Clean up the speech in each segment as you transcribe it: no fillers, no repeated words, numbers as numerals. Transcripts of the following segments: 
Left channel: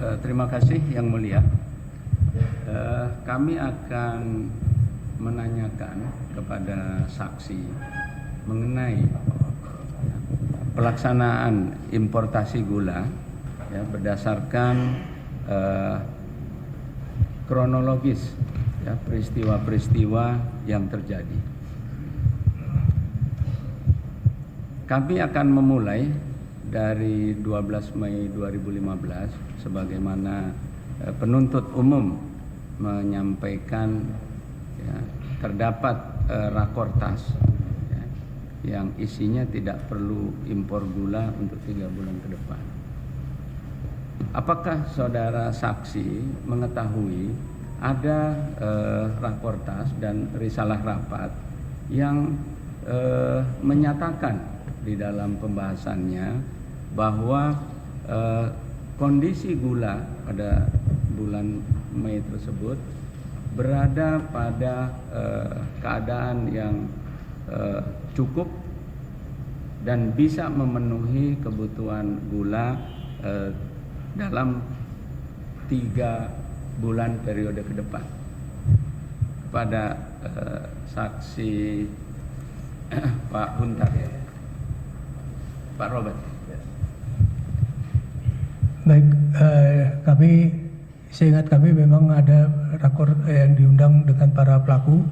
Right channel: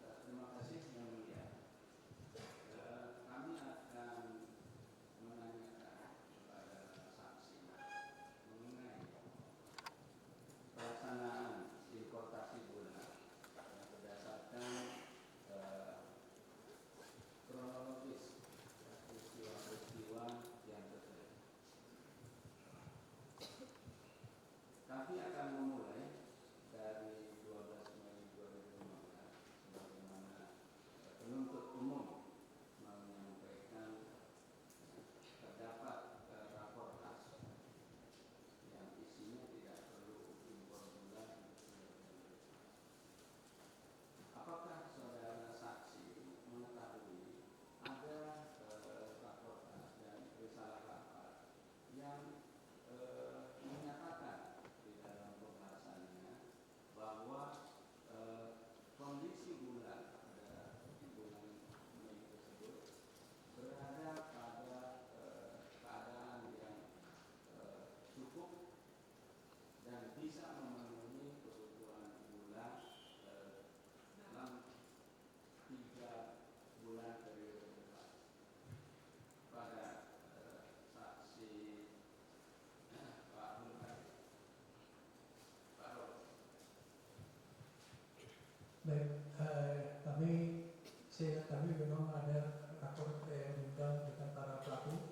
Terima kasih Yang Mulia. Kami akan menanyakan kepada saksi mengenai pelaksanaan importasi gula ya, berdasarkan kronologis ya, peristiwa-peristiwa yang terjadi. Kami akan memulai dari 12 Mei 2015 sebagaimana penuntut umum menyampaikan ya, terdapat rakortas ya, yang isinya tidak perlu impor gula untuk 3 bulan ke depan. Apakah saudara saksi mengetahui ada rakortas dan risalah rapat yang menyatakan di dalam pembahasannya bahwa kondisi gula pada bulan Mei tersebut berada pada keadaan yang cukup dan bisa memenuhi kebutuhan gula dalam 3 bulan periode ke depan. Kepada saksi Pak Huntar, Pak Robert. Baik, seingat kami memang ada rakor yang diundang dengan para pelaku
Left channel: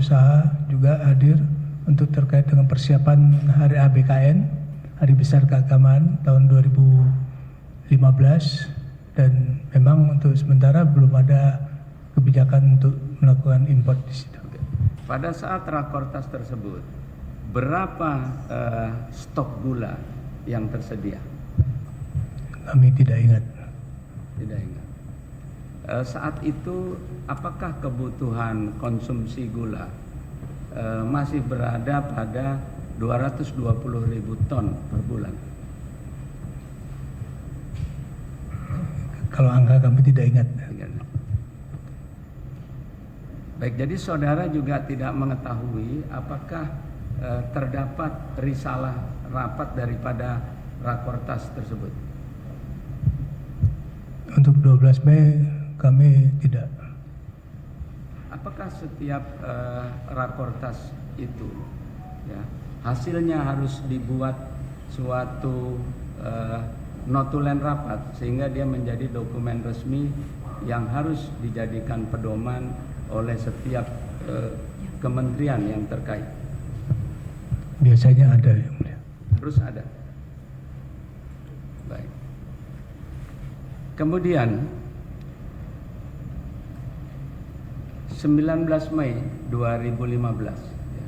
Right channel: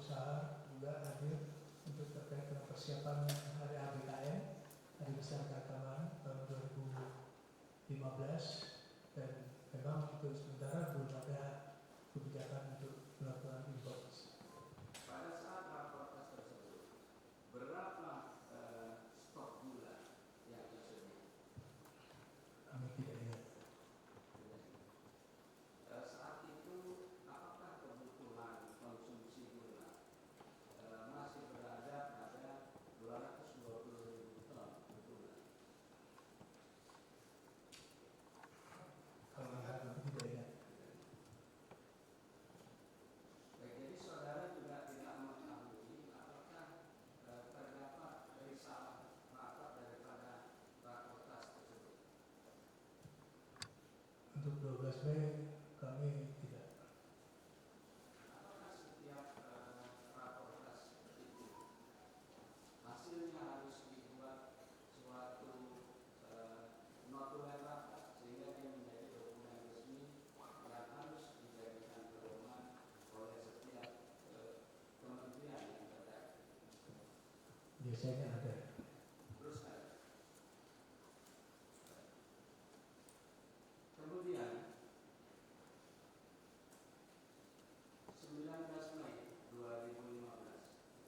usaha juga hadir untuk terkait dengan persiapan Hari ABKN, Hari Besar Keagamaan tahun 2015, dan memang untuk sementara belum ada kebijakan untuk melakukan impor di situ. Pada saat rakortas tersebut, berapa stok gula yang tersedia? Kami tidak ingat. Tidak ingat. Saat itu apakah kebutuhan konsumsi gula masih berada pada 220.000 ton per bulan? Kalau angka kami tidak ingat. Baik, jadi saudara juga tidak mengetahui apakah terdapat risalah rapat daripada rakortas tersebut? Untuk 12 Mei kami tidak. Apakah setiap rakortas itu ya, hasilnya harus dibuat suatu notulen rapat sehingga dia menjadi dokumen resmi yang harus dijadikan pedoman oleh setiap kementerian yang terkait? Biasanya ada, Yang Mulia. Terus ada. Baik. Kemudian 19 Mei 2015 ya,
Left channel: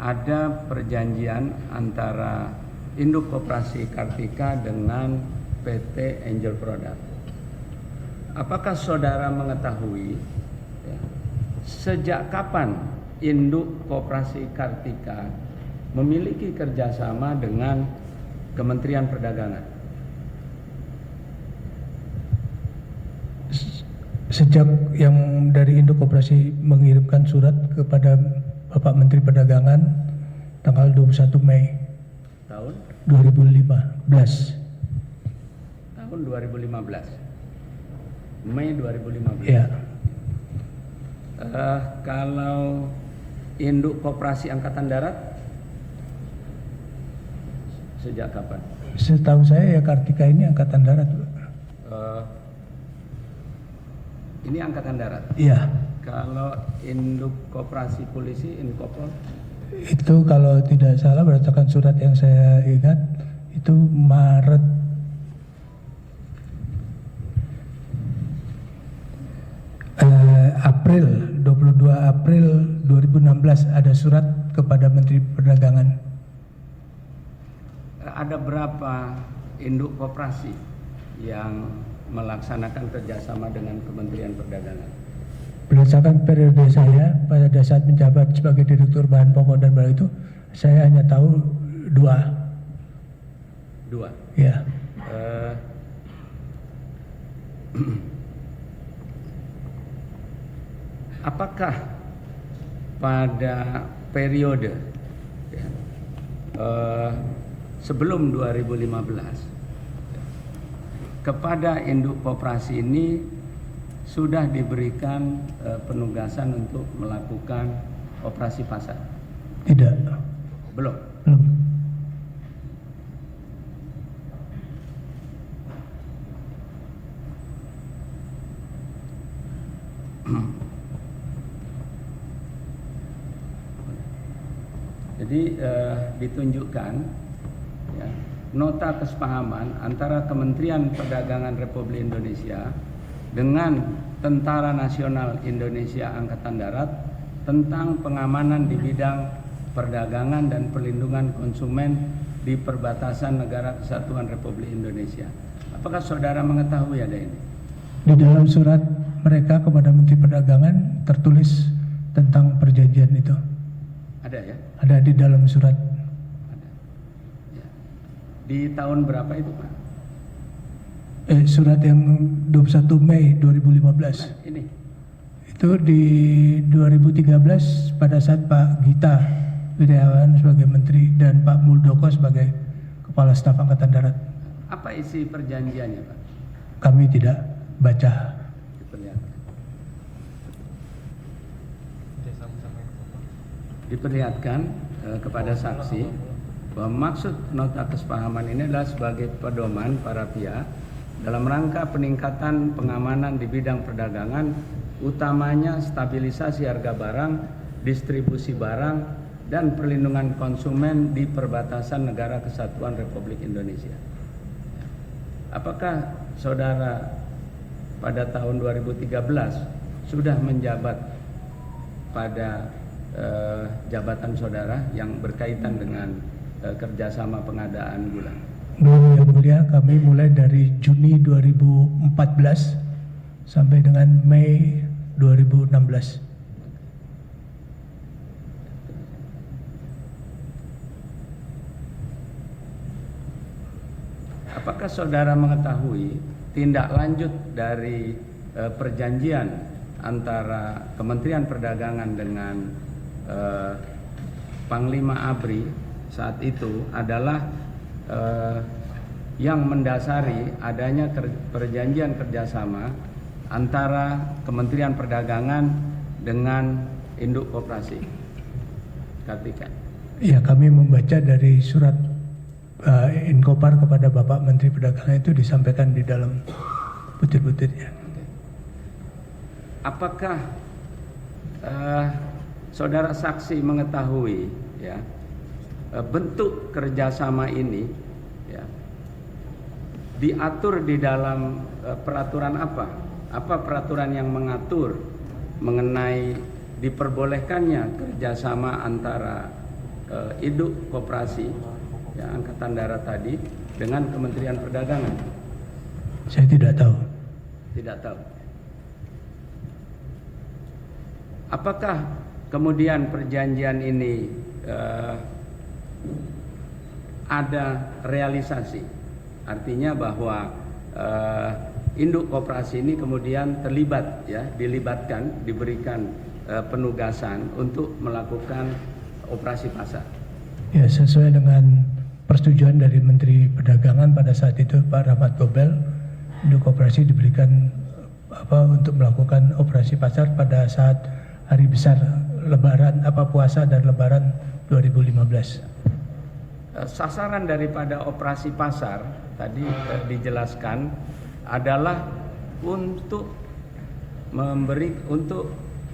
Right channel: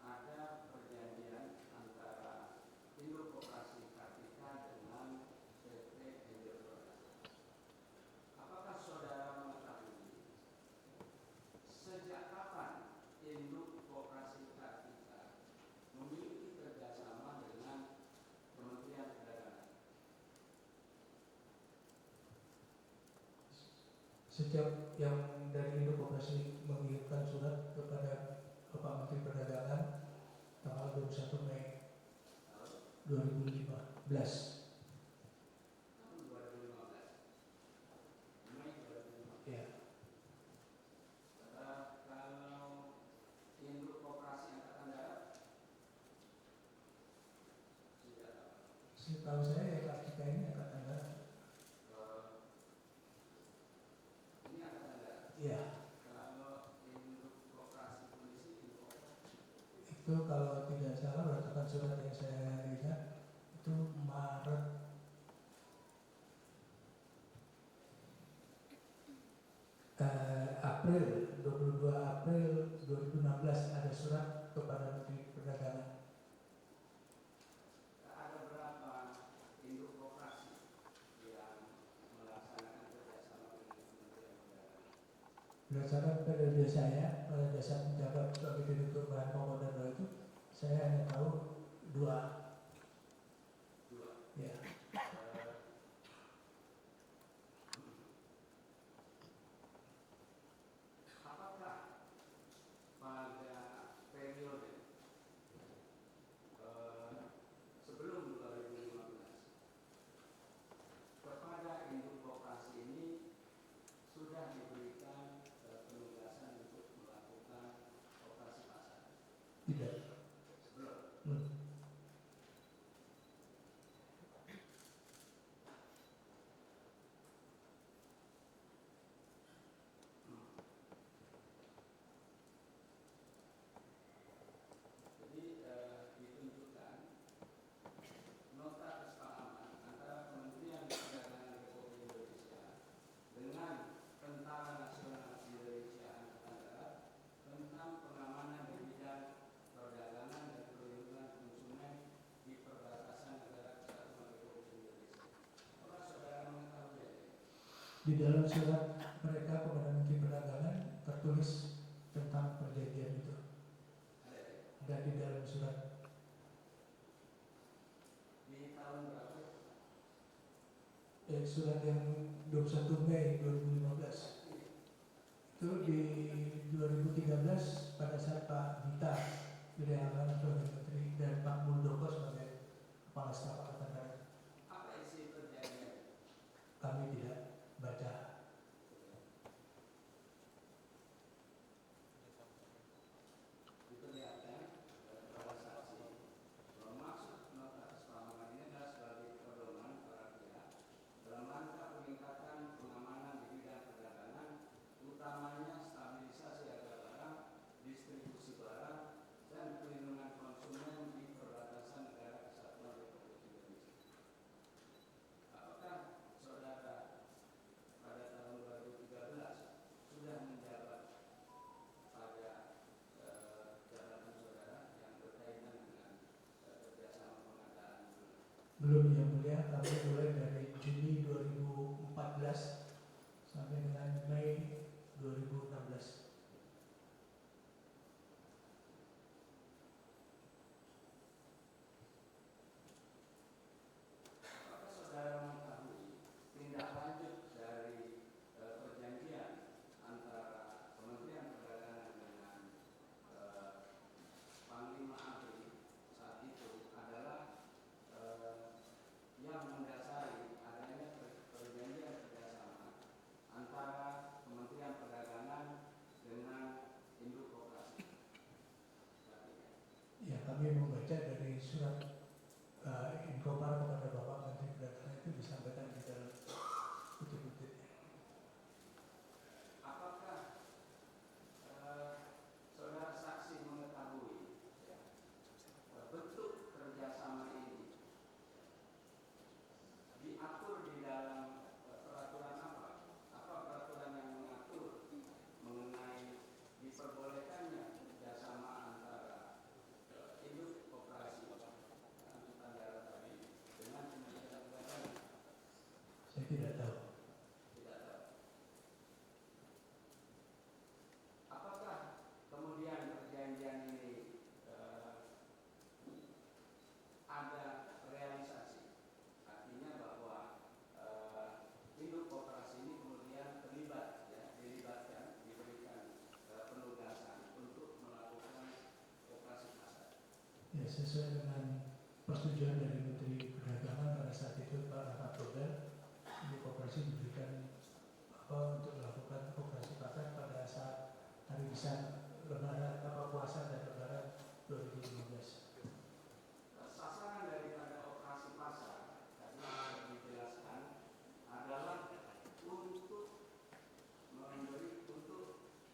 ada perjanjian antara Induk Koperasi Kartika dengan PT Angel Product. Apakah saudara mengetahui ya, sejak kapan Induk Koperasi Kartika memiliki kerjasama dengan Kementerian Perdagangan? Sejak yang dari Induk Koperasi mengirimkan surat kepada Bapak Menteri Perdagangan tanggal 21 Mei Tahun 2015. Tahun 2015. Mei 2015. Ya. Kalau Induk Koperasi Angkatan Darat sejak kapan? Setahu saya ya Kartika ini Angkatan Darat. Ini Angkatan Darat. Iya. Kalau Induk Koperasi Polisi, Indukopol? Itu kalau tidak salah berdasarkan surat yang saya ingat itu Maret April 22 April 2016 ada surat kepada Menteri Perdagangan. Ada berapa induk koperasi yang melaksanakan kerjasama dengan Kementerian Perdagangan? Berdasarkan periode saya pada saat menjabat sebagai Direktur Bahan Pokok dan Barang itu, saya hanya tahu 2. Ya. Apakah pada periode ya, sebelum 2015 kepada induk koperasi ini sudah diberikan penugasan untuk melakukan operasi pasar? Tidak. Belum. Belum. Jadi ditunjukkan ya, nota kesepahaman antara Kementerian Perdagangan Republik Indonesia dengan Tentara Nasional Indonesia Angkatan Darat tentang pengamanan di bidang perdagangan dan perlindungan konsumen di perbatasan Negara Kesatuan Republik Indonesia. Apakah saudara mengetahui ada ini? Di dalam surat mereka kepada Menteri Perdagangan tertulis tentang perjanjian itu. Ada ya? Ada di dalam surat. Ada. Ya. Di tahun berapa itu, Pak? Surat yang 21 Mei 2015. Nah, ini. Itu di 2013 pada saat Pak Gita Wirjawan sebagai Menteri dan Pak Muldoko sebagai Kepala Staf Angkatan Darat. Apa isi perjanjiannya, Pak? Kami tidak baca. Diperlihatkan kepada saksi bahwa maksud nota kesepahaman ini adalah sebagai pedoman para pihak dalam rangka peningkatan pengamanan di bidang perdagangan, utamanya stabilisasi harga barang, distribusi barang, dan perlindungan konsumen di perbatasan Negara Kesatuan Republik Indonesia. Apakah saudara pada tahun 2013 sudah menjabat pada jabatan saudara yang berkaitan dengan kerjasama pengadaan gula? Belum, Yang Mulia. Kami mulai dari Juni 2014 sampai dengan Mei 2016. Apakah saudara mengetahui tindak lanjut dari perjanjian antara Kementerian Perdagangan dengan Panglima ABRI saat itu adalah yang mendasari adanya perjanjian kerjasama antara Kementerian Perdagangan dengan induk koperasi Kartika? Ya, kami membaca dari surat Inkopar kepada Bapak Menteri Perdagangan itu disampaikan di dalam butir-butirnya. Apakah saudara saksi mengetahui ya bentuk kerjasama ini ya diatur di dalam peraturan apa? Apa peraturan yang mengatur mengenai diperbolehkannya kerjasama antara induk koperasi ya, Angkatan Darat tadi dengan Kementerian Perdagangan? Saya tidak tahu. Tidak tahu. Apakah kemudian perjanjian ini ada realisasi? Artinya bahwa induk koperasi ini kemudian terlibat ya, dilibatkan, diberikan penugasan untuk melakukan operasi pasar. Ya, sesuai dengan persetujuan dari Menteri Perdagangan pada saat itu Pak Rahmat Gobel, induk koperasi diberikan untuk melakukan operasi pasar pada saat hari besar Lebaran puasa dan Lebaran 2015. Sasaran daripada operasi pasar tadi dijelaskan adalah untuk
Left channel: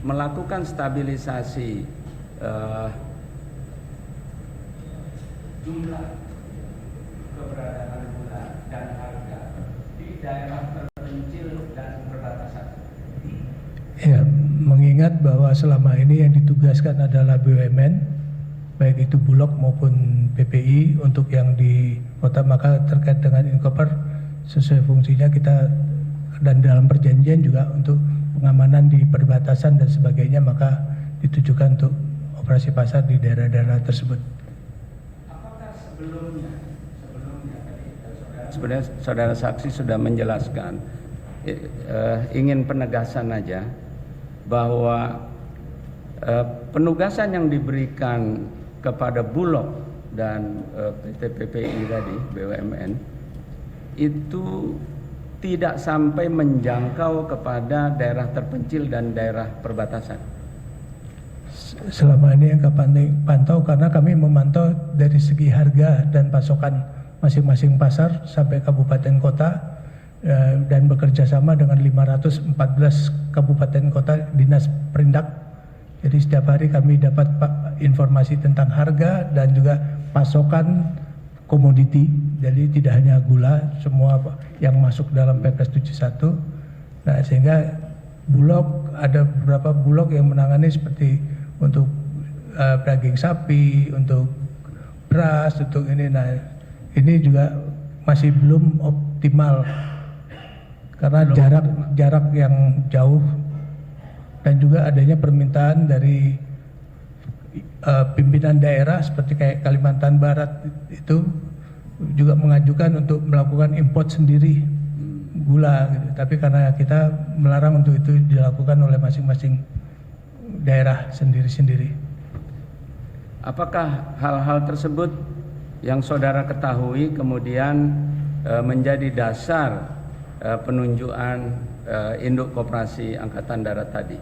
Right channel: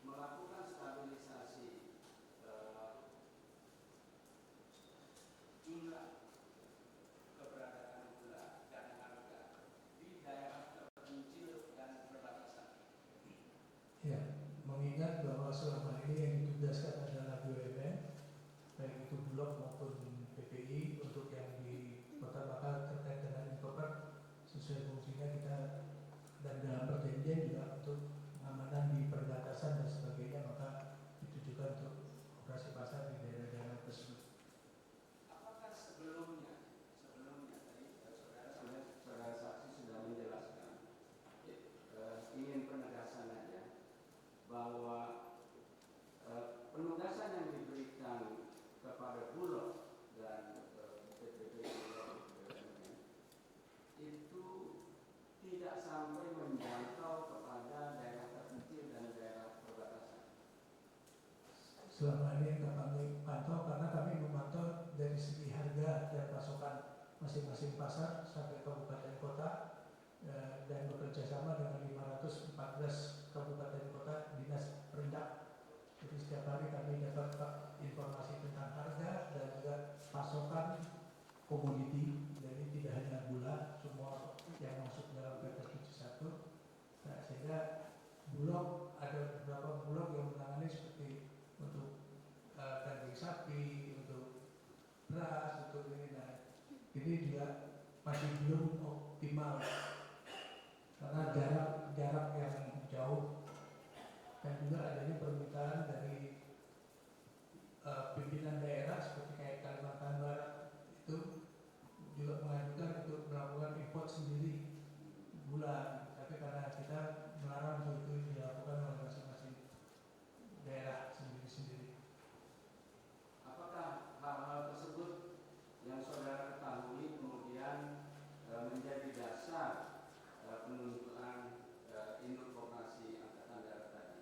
melakukan stabilisasi jumlah keberadaan gula dan harga di daerah terpencil dan perbatasan. Ya, mengingat bahwa selama ini yang ditugaskan adalah BUMN, baik itu Bulog maupun PPI untuk yang di kota, maka terkait dengan Inkopar sesuai fungsinya kita dan dalam perjanjian juga untuk pengamanan di perbatasan dan sebagainya, maka ditujukan untuk operasi pasar di daerah-daerah tersebut. Apakah sebelumnya tadi sebenarnya saudara saksi sudah menjelaskan, ingin penegasan aja bahwa penugasan yang diberikan kepada Bulog dan PT PPI tadi BUMN itu tidak sampai menjangkau kepada daerah terpencil dan daerah perbatasan? Selama ini yang kami pantau, karena kami memantau dari segi harga dan pasokan masing-masing pasar sampai kabupaten kota, dan bekerja sama dengan 514 kabupaten kota dinas perindak. Jadi setiap hari kami dapat informasi tentang harga dan juga pasokan komoditi. Jadi tidak hanya gula, semua yang masuk dalam Perpres 71. Nah, sehingga Bulog, ada beberapa Bulog yang menangani seperti untuk daging sapi, untuk beras, untuk ini. Nah, ini juga masih belum optimal karena jarak yang jauh, dan juga adanya permintaan dari pimpinan daerah seperti kayak Kalimantan Barat itu juga mengajukan untuk melakukan import sendiri gula gitu. Tapi karena kita melarang untuk itu dilakukan oleh masing-masing daerah sendiri-sendiri. Apakah hal-hal tersebut yang saudara ketahui kemudian menjadi dasar penunjukan induk koperasi Angkatan Darat tadi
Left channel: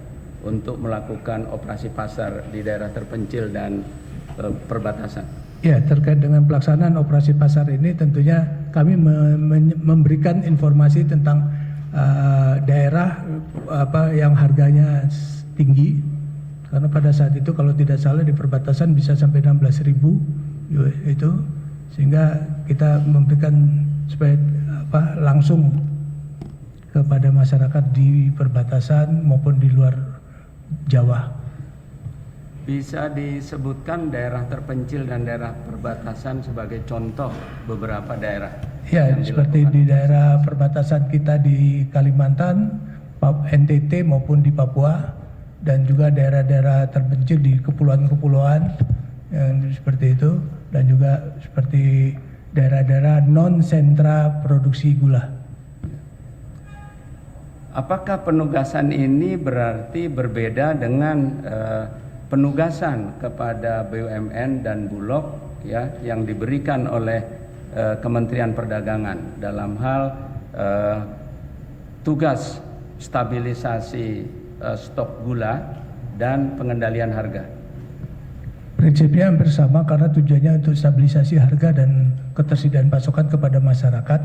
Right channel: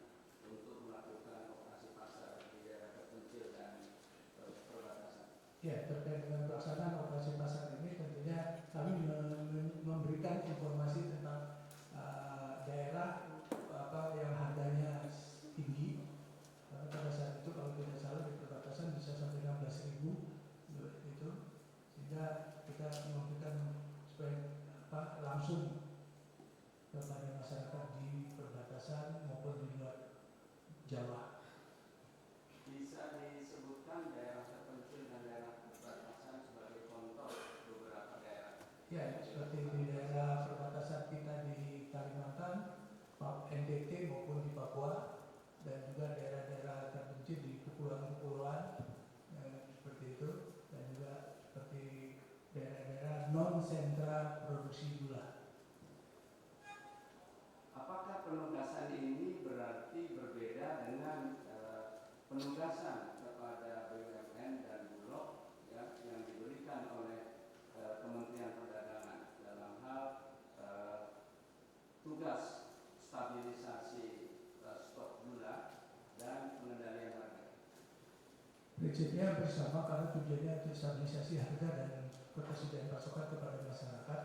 untuk melakukan operasi pasar di daerah terpencil dan perbatasan? Ya, terkait dengan pelaksanaan operasi pasar ini tentunya kami memberikan informasi tentang daerah yang harganya tinggi, karena pada saat itu kalau tidak salah di perbatasan bisa sampai 16.000 itu, sehingga kita memberikan supaya langsung kepada masyarakat di perbatasan maupun di luar Jawa. Bisa disebutkan daerah terpencil dan daerah perbatasan sebagai contoh beberapa daerah? Ya, seperti di daerah perbatasan kita di Kalimantan, NTT maupun di Papua, dan juga daerah-daerah terpencil di kepulauan-kepulauan yang seperti itu, dan juga seperti daerah-daerah non-sentra produksi gula. Apakah penugasan ini berarti berbeda dengan penugasan kepada BUMN dan Bulog ya yang diberikan oleh Kementerian Perdagangan dalam hal tugas stabilisasi stok gula dan pengendalian harga? Prinsipnya hampir sama, karena tujuannya untuk stabilisasi harga dan ketersediaan pasokan kepada masyarakat.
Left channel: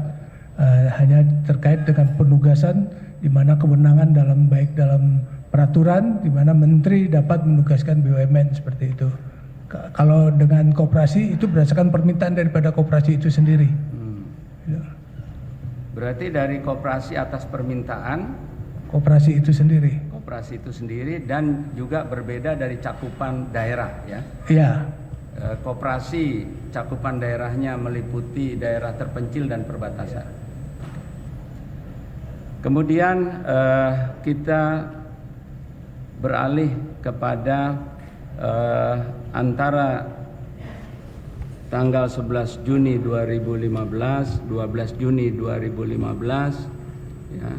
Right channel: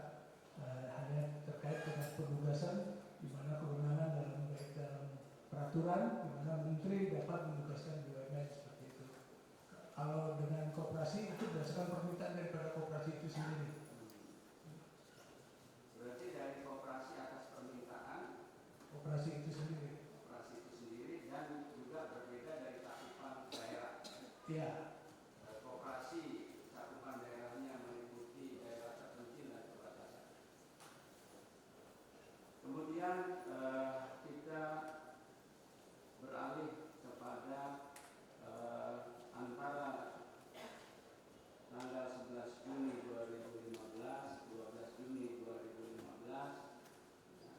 Hanya terkait dengan penugasan di mana kewenangan baik dalam peraturan di mana menteri dapat menugaskan BUMN seperti itu. Kalau dengan koperasi itu berdasarkan permintaan daripada koperasi itu sendiri. Berarti dari koperasi atas permintaan koperasi itu sendiri. Koperasi itu sendiri, dan juga berbeda dari cakupan daerah ya. Iya. Koperasi cakupan daerahnya meliputi daerah terpencil dan perbatasan. Kemudian kita beralih kepada antara tanggal 11 Juni 2015, 12 Juni 2015 ya,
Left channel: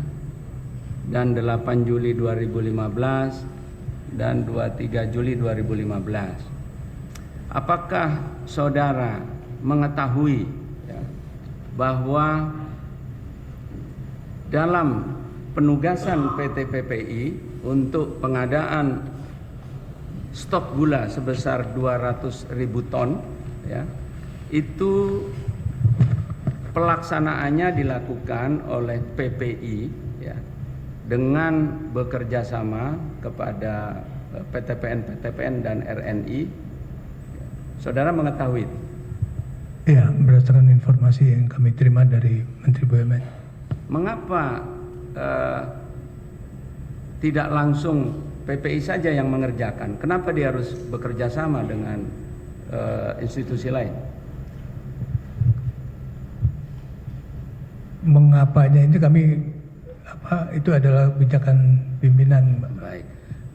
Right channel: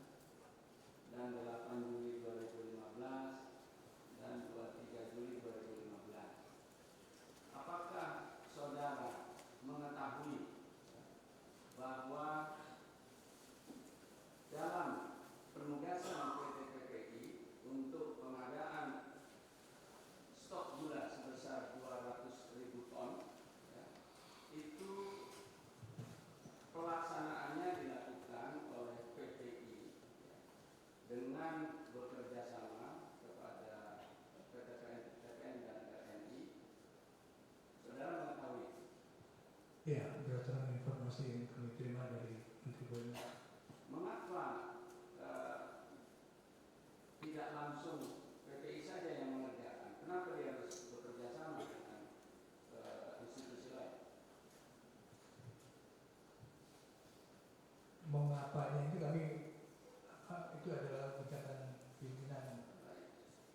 dan 8 Juli 2015 dan 23 Juli 2015. Apakah saudara mengetahui ya, bahwa dalam penugasan PT PPI untuk pengadaan stok gula sebesar 200.000 ton ya, itu pelaksanaannya dilakukan oleh PPI ya, dengan bekerja sama kepada PTPN dan RNI. Saudara mengetahui? Ya, berdasarkan informasi yang kami terima dari Menteri BUMN. Mengapa tidak langsung PPI saja yang mengerjakan? Kenapa dia harus bekerja sama dengan institusi lain? Mengapanya itu itu adalah kebijakan pimpinan. Baik.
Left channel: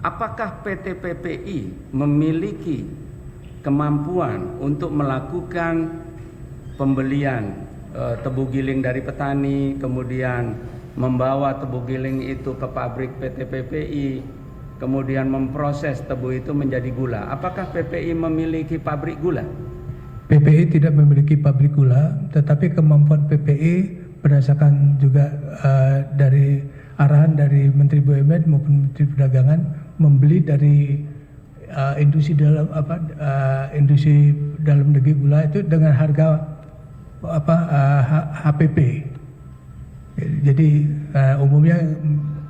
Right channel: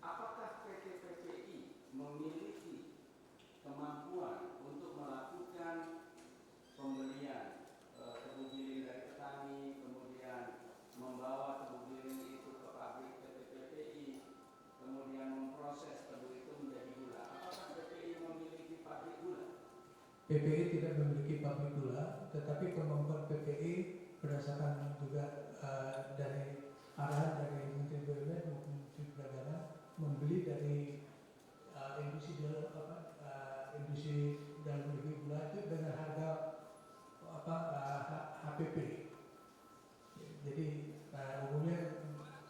Apakah PT PPI memiliki kemampuan untuk melakukan pembelian tebu giling dari petani, kemudian membawa tebu giling itu ke pabrik PT PPI, kemudian memproses tebu itu menjadi gula? Apakah PPI memiliki pabrik gula? PPI tidak memiliki pabrik gula, tetapi kemampuan PPI berdasarkan juga dari arahan dari Menteri BUMN maupun Menteri Perdagangan membeli dari industri dalam negeri gula itu dengan harga HPP. Jadi umumnya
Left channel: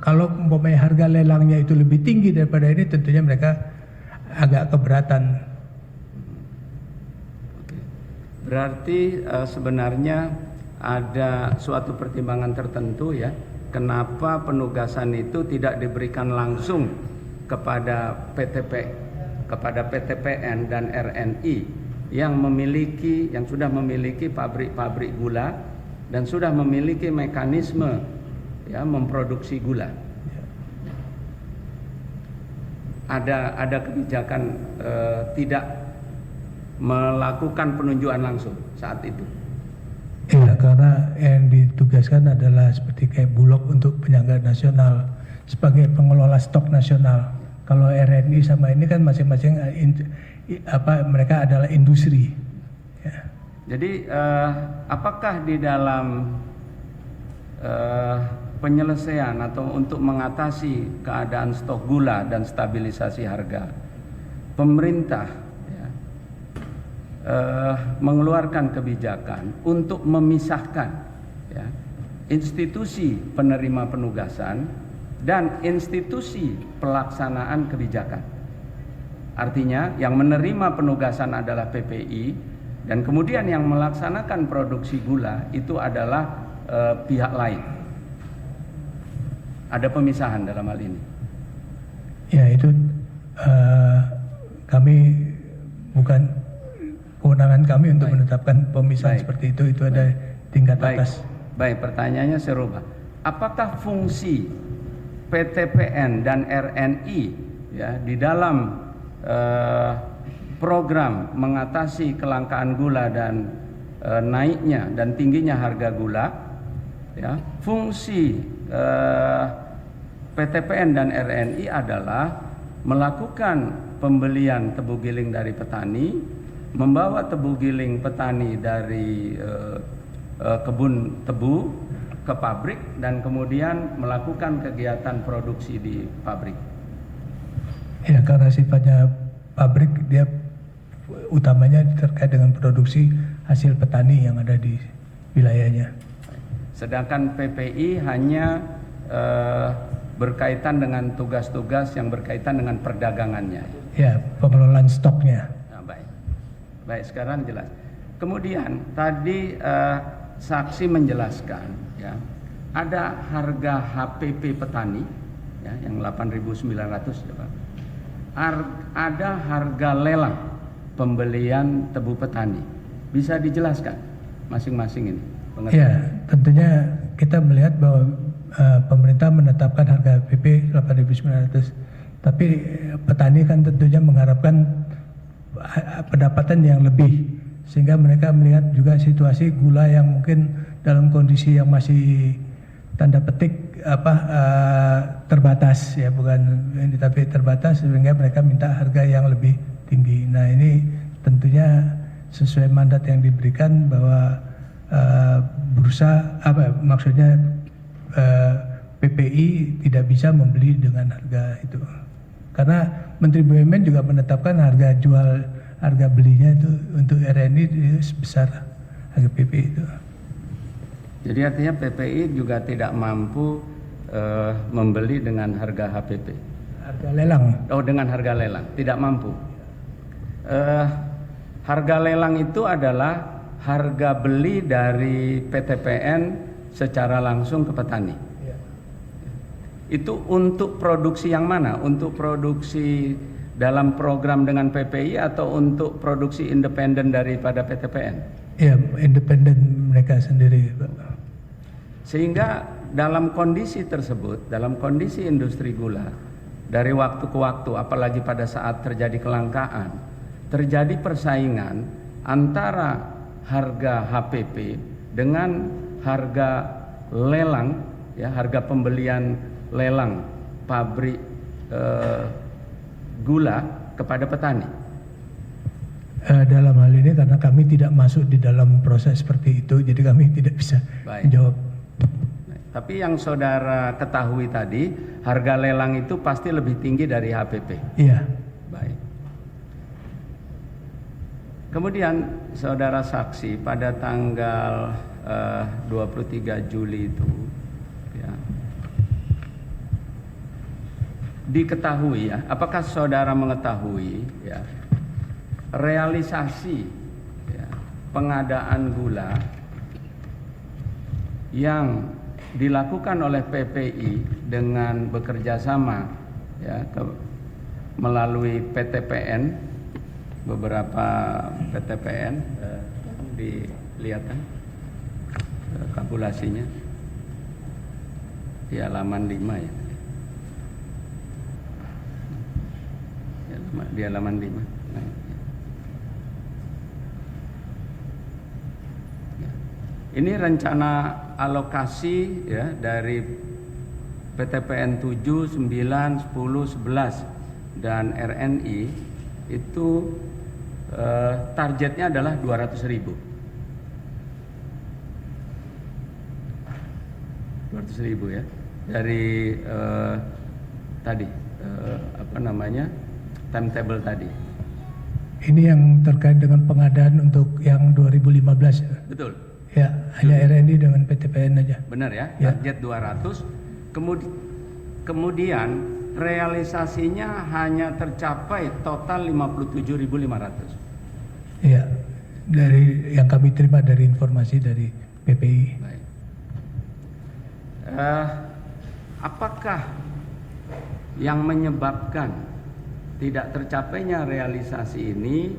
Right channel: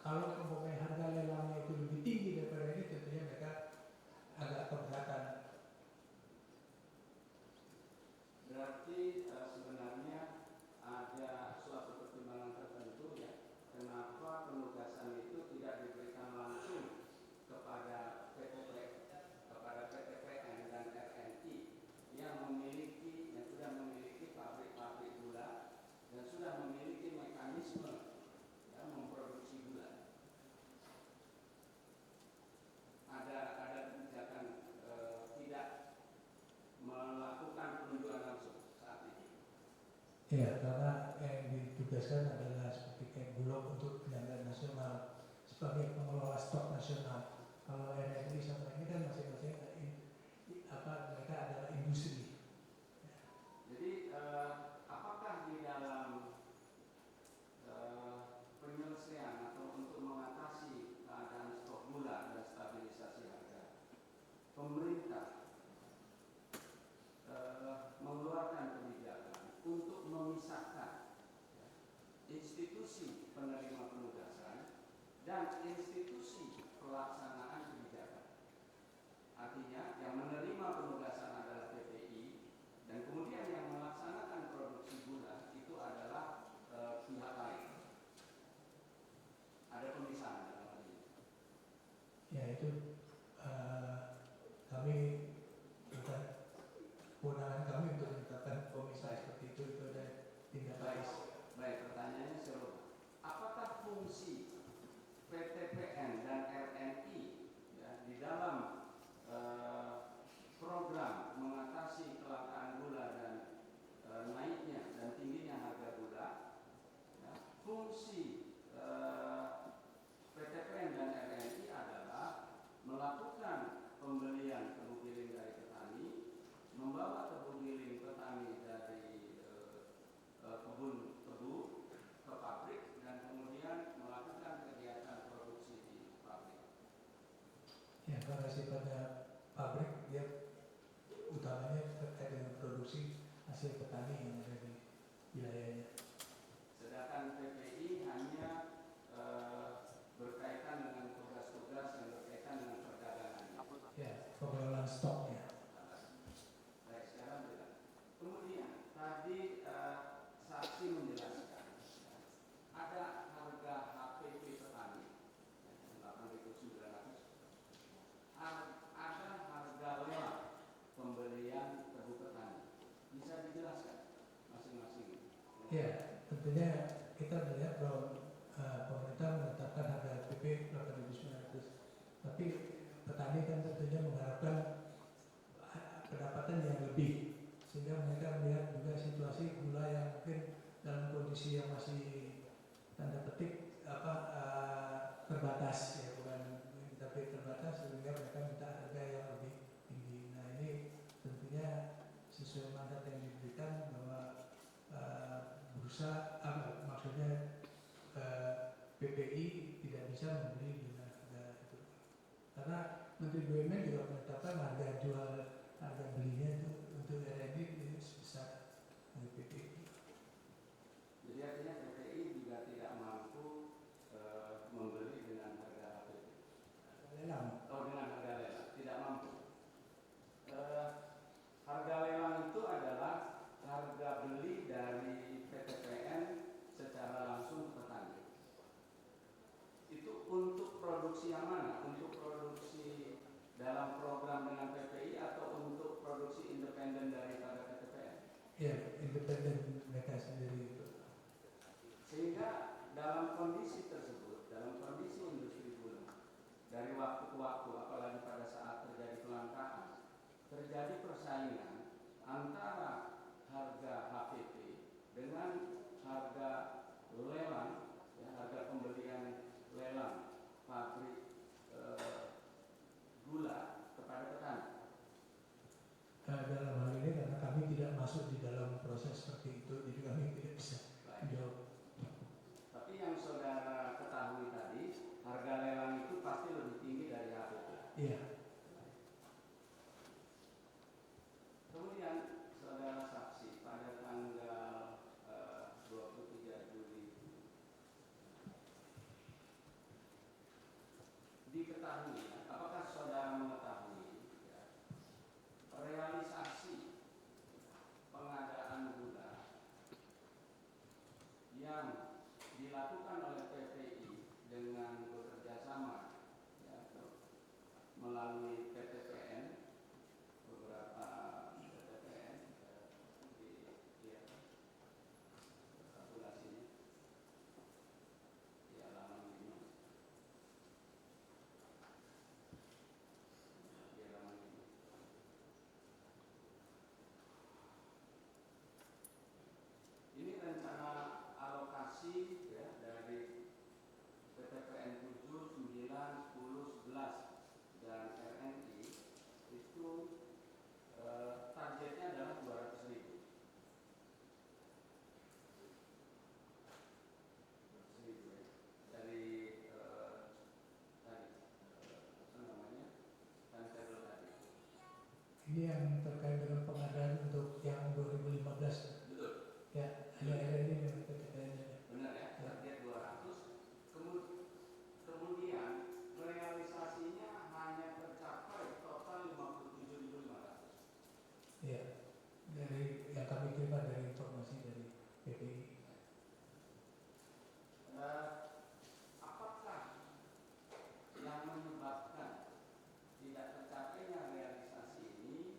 kalau umpamanya harga lelangnya itu lebih tinggi daripada ini, tentunya mereka agak keberatan. Berarti sebenarnya ada suatu pertimbangan tertentu ya, kenapa penugasan itu tidak diberikan langsung kepada PTPN dan RNI yang sudah memiliki pabrik-pabrik gula dan sudah memiliki mekanisme ya memproduksi gula. Ada kebijakan tidak melakukan penunjukan langsung saat itu. Iya, karena yang ditugaskan adalah seperti kayak Bulog untuk penyangga nasional sebagai pengelola stok nasional. Kalau RNI sama ini kan masing-masing mereka adalah industri. Ya. Jadi apakah di dalam penyelesaian atau untuk mengatasi keadaan stok gula dan stabilisasi harga, pemerintah mengeluarkan kebijakan untuk memisahkan ya, institusi penerima penugasan dan institusi pelaksanaan kebijakan. Artinya yang menerima penugasan adalah PPI dan kemudian yang melaksanakan produksi gula itu adalah pihak lain. Ada pemisahan dalam hal ini. Ya, itu kami bukan kewenangan kami untuk menetapkan pemisahan seperti itu. Itu ada tingkat atas. Baik, pertanyaannya serupa. Apakah fungsi PTPN dan RNI ya di dalam program mengatasi kelangkaan gula dan naiknya dan tingginya harga gula, ya, fungsi PTPN dan RNI adalah melakukan pembelian tebu giling dari petani, membawa tebu giling petani dari kebun tebu ke pabrik dan kemudian melakukan kegiatan produksi di pabrik. Ya, karena sifatnya pabrik, dia utamanya terkait dengan produksi hasil petani yang ada di wilayahnya. Sedangkan PPI hanya berkaitan dengan tugas-tugas yang berkaitan dengan perdagangannya. Ya, pengelolaan stoknya. Nah, baik, sekarang jelas. Kemudian tadi saksi menjelaskan, ya, ada harga HPP petani, ya, yang 8.900, ya, Pak. Ada harga lelang pembelian tebu petani. Bisa dijelaskan masing-masing ini? Ya, tentunya kita melihat bahwa pemerintah menetapkan harga PP 8.900, tapi petani kan tentunya mengharapkan pendapatan yang lebih, sehingga mereka melihat juga situasi gula yang mungkin dalam kondisi yang masih tanda petik terbatas, ya, bukan ini tapi terbatas, sehingga mereka minta harga yang lebih tinggi. Nah, ini tentunya sesuai mandat yang diberikan bahwa maksudnya PPI tidak bisa membeli dengan harga itu, karena Menteri BUMN juga menetapkan harga belinya itu untuk RNI sebesar harga PPI itu. Jadi artinya PPI juga tidak mampu membeli dengan harga HPP. Harga lelang. Oh, dengan harga lelang, tidak mampu. Harga lelang itu adalah harga beli dari PTPN secara langsung ke petani. Ya. Itu untuk produksi yang mana? Untuk produksi dalam program dengan PPI atau untuk produksi independen daripada PTPN? Ya, independen mereka sendiri, Pak. Sehingga dalam kondisi tersebut, dalam kondisi industri gula, dari waktu ke waktu, apalagi pada saat terjadi kelangkaan, terjadi persaingan antara harga HPP dengan harga lelang, ya, harga pembelian lelang pabrik gula kepada petani. Dalam hal ini karena kami tidak masuk di dalam proses seperti itu, jadi kami tidak bisa Baik. menjawab. Tapi yang saudara ketahui tadi, harga lelang itu pasti lebih tinggi dari HPP. Iya, Baik. Kemudian saudara saksi pada tanggal 23 Juli itu, ya, diketahui ya, apakah saudara mengetahui ya, realisasi ya, pengadaan gula yang dilakukan oleh PPI dengan bekerja sama ya, melalui PTPN, beberapa PTPN, dilihat kan kalkulasinya di halaman 5 ya. Di halaman 5. Ini rencana alokasi ya dari PTPN 7, 9, 10, 11 dan RNI itu targetnya adalah 200.000. 200.000 ya dari tadi timetable tadi. ini yang terkait dengan pengadaan untuk yang 2015. Betul. Ya, hanya RNI dengan PTPN aja. Benar ya, Ya. target 200. Kemudian realisasinya hanya tercapai total 57.500. Iya, dari yang kami terima dari informasi dari PPI. Baik. Apakah yang menyebabkan tidak tercapainya realisasi ini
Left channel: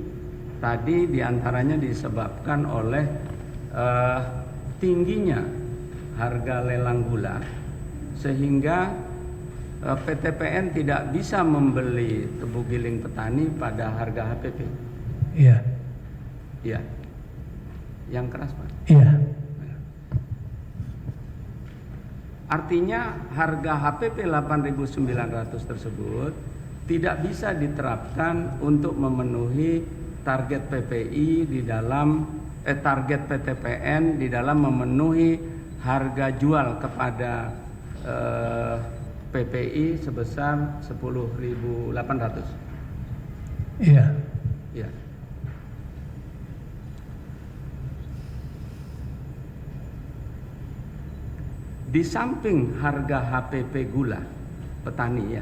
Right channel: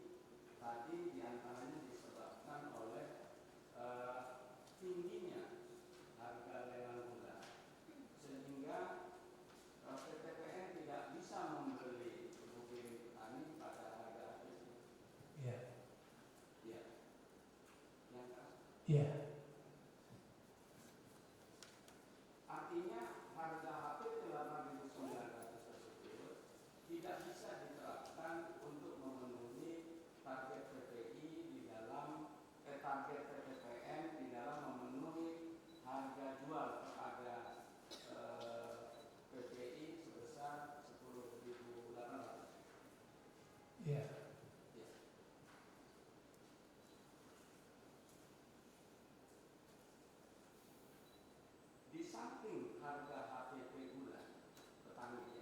tadi diantaranya disebabkan oleh tingginya harga lelang gula sehingga PTPN tidak bisa membeli tebu giling petani pada harga HPP. Iya, Iya. Yang keras, Pak. iya, Artinya harga HPP 8.900 tersebut tidak bisa diterapkan untuk memenuhi target PPI di dalam target PTPN di dalam memenuhi harga jual kepada PPI sebesar 10.800. iya. Ya. Di samping harga HPP gula petani ya,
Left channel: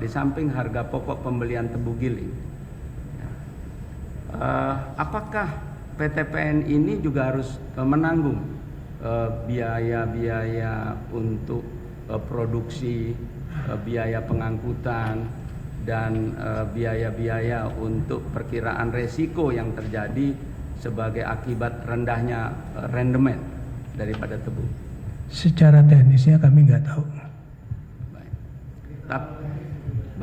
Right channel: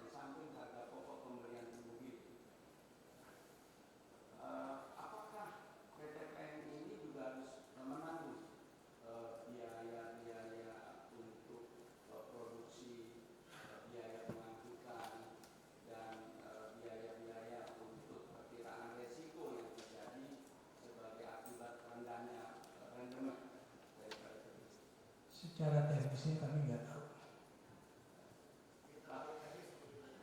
di samping harga pokok pembelian tebu giling, apakah PTPN ini juga harus menanggung biaya-biaya untuk produksi, biaya pengangkutan, dan biaya-biaya untuk perkiraan resiko yang terjadi sebagai akibat rendahnya rendemen daripada tebu? Secara teknisnya kami nggak tahu.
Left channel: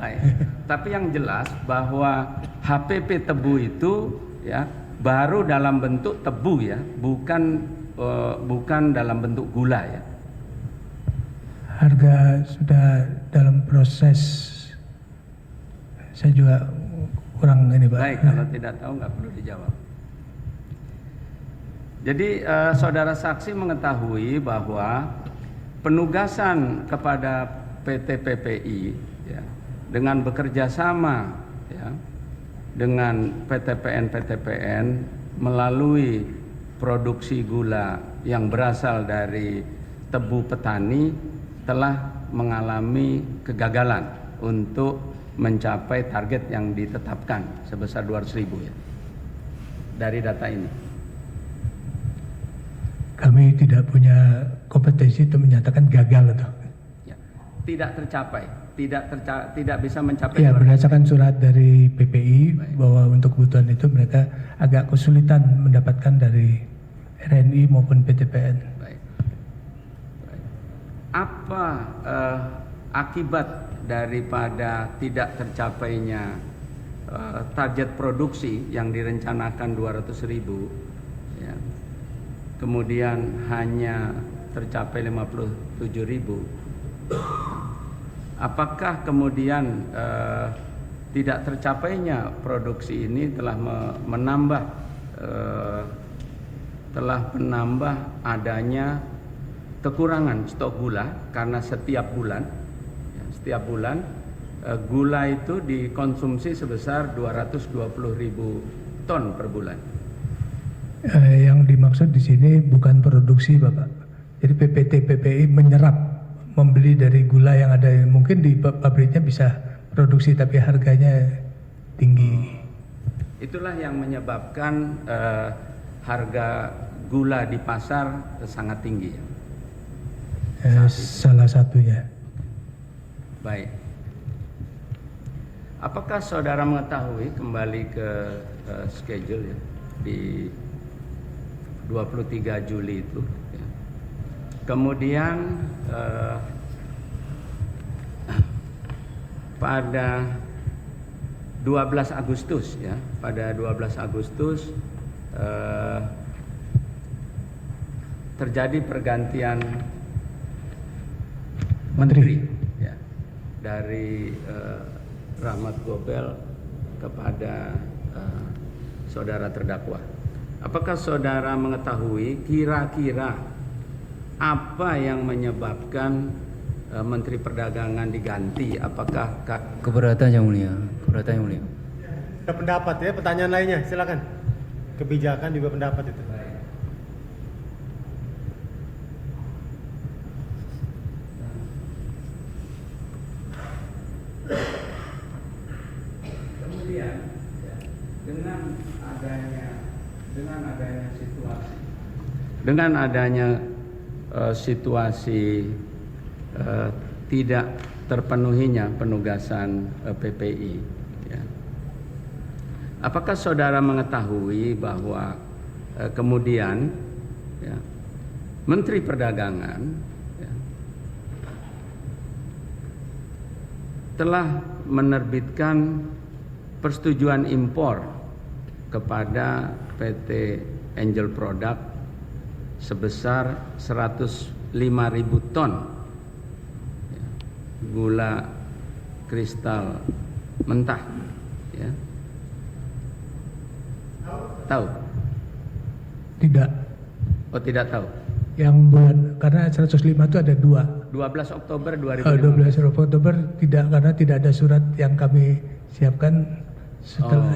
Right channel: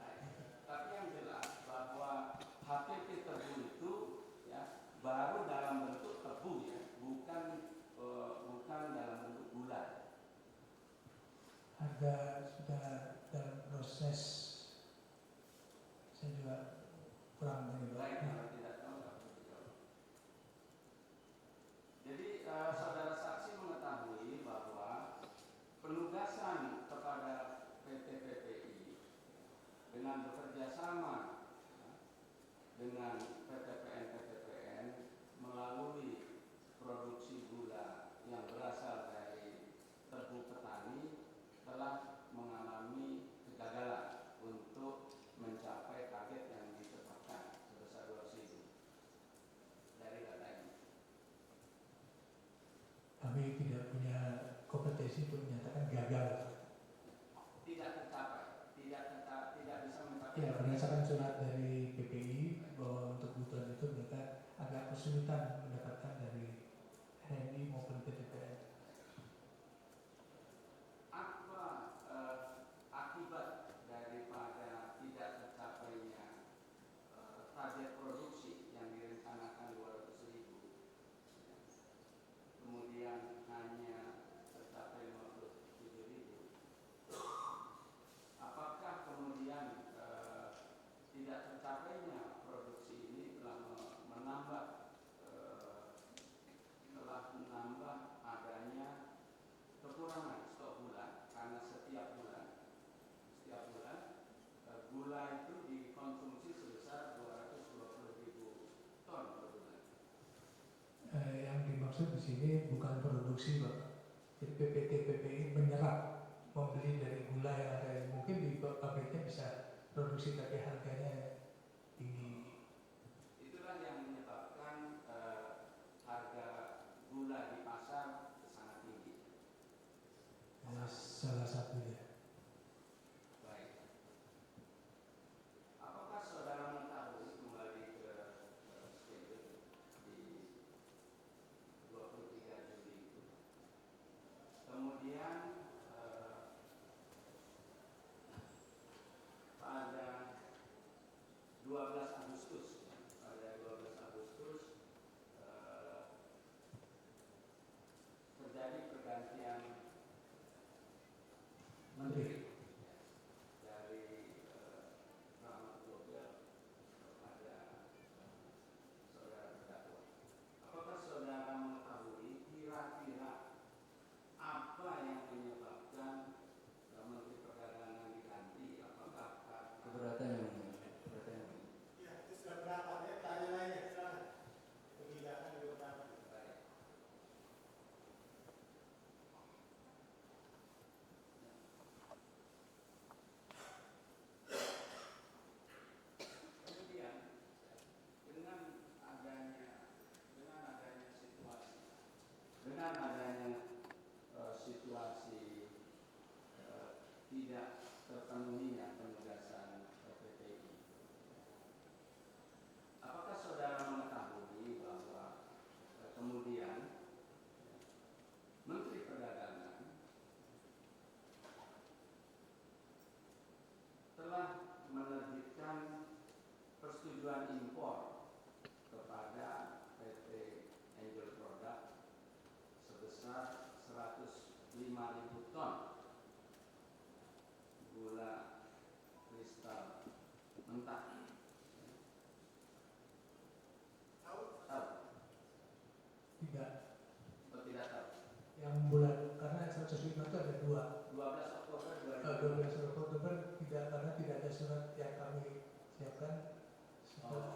Baik. Tapi yang jelas bahwa HPP tebu itu ya baru dalam bentuk tebu ya, bukan dalam bentuk gula ya. Harga sudah dalam proses, saya juga kurang ini Pak. Baik, kalau tidak tahu nggak perlu dijawab. Jadi saudara saksi mengetahui bahwa penugasan kepada PT PPI ya, dengan bekerja sama ya, dengan PTPN melalui produksi gula yang berasal dari tebu petani telah mengalami kegagalan untuk mencapai target yang ditetapkan sebesar 200.000 ya. Dari data ini. Kami tidak punya kompetensi untuk menyatakan gagal itu. Ya. Tidak tercapai, tidak bisa mencapai. Ya, 200.000. berdasarkan surat dari PPI bahwa untuk kebutuhan itu mereka agak kesulitan mendapatkan dari RNI maupun PTPN. Baik. Apa akibat daripada tidak tercapainya target produksi yang direncanakan 200.000 ya, kemudian hanya tercapai 57.000? Apakah kemudian tidak tercapainya produksi ini telah menambah adanya kekurangan stok gula karena setiap bulan gula itu dikonsumsi sebesar 220.000 ton per bulan. Yang dimaksud di sini bukan produksi, Bapak. Jadi PPT PPI menyerap, membeli dari gula yang ada. Mungkin di pabriknya bisa produksi tapi harganya tinggi. Itulah yang menyebabkan harga gula di pasar sangat tinggi. Salah satunya. Baik. Apakah saudara mengetahui, kembali ke schedule ya, di 23 Juli itu ya. Kemudian pada 12 Agustus ya, pada 12 Agustus terjadi pergantian menteri ya, dari Rahmat Gobel kepada saudara terdakwa. Apakah saudara mengetahui kira-kira apa yang menyebabkan Menteri Perdagangan diganti? Apakah Keberatan Yang Mulia, keberatan Yang Mulia. Ada pendapat ya, pertanyaan lainnya, silakan. Kebijakan juga pendapat itu. kemudian ya, dengan adanya situasi tidak terpenuhinya penugasan PPI ya. Apakah saudara mengetahui bahwa kemudian ya, Menteri Perdagangan ya, telah menerbitkan persetujuan impor kepada PT Angel Product sebesar 105.000 ton ya, gula kristal mentah ya. Tahu? Tidak. Oh, tidak tahu. Yang bulan, karena 105 itu ada dua. 12 Oktober 12 Oktober tidak, karena tidak ada surat yang kami siapkan setelah.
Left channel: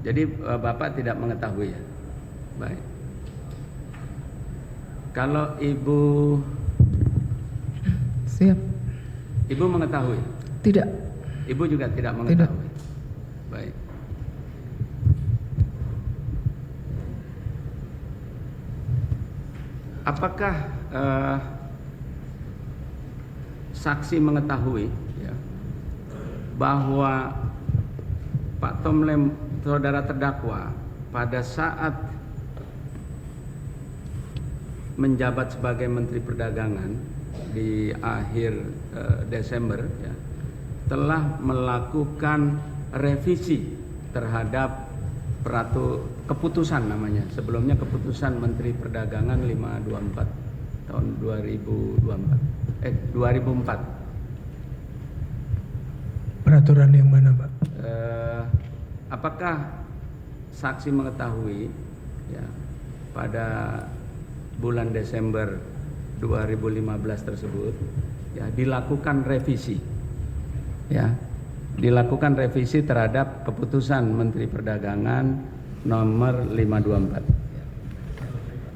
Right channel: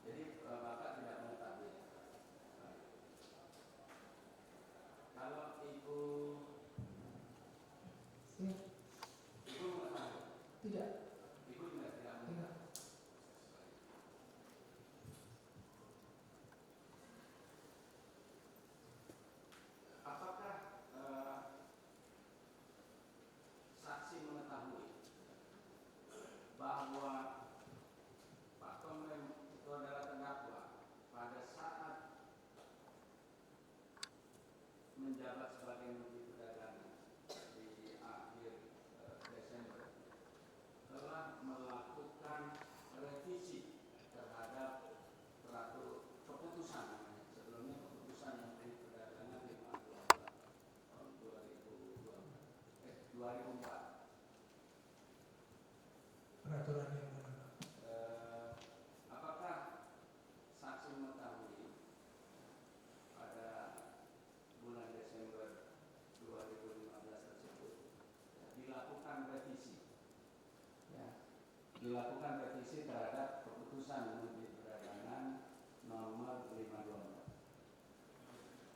Jadi Bapak tidak mengetahui ya? Baik. Kalau Ibu Siap. Ibu mengetahui? Tidak. Ibu juga tidak mengetahui. Baik. Apakah saksi mengetahui ya, bahwa Pak Tomlem, saudara terdakwa, pada saat menjabat sebagai Menteri Perdagangan di akhir Desember ya, telah melakukan revisi terhadap keputusan namanya, sebelumnya keputusan Menteri Perdagangan 524 tahun 2004. Peraturan yang mana, Pak? Apakah saksi mengetahui ya, pada bulan Desember 2015 tersebut ya, dilakukan revisi ya, dilakukan revisi terhadap keputusan Menteri Perdagangan nomor 524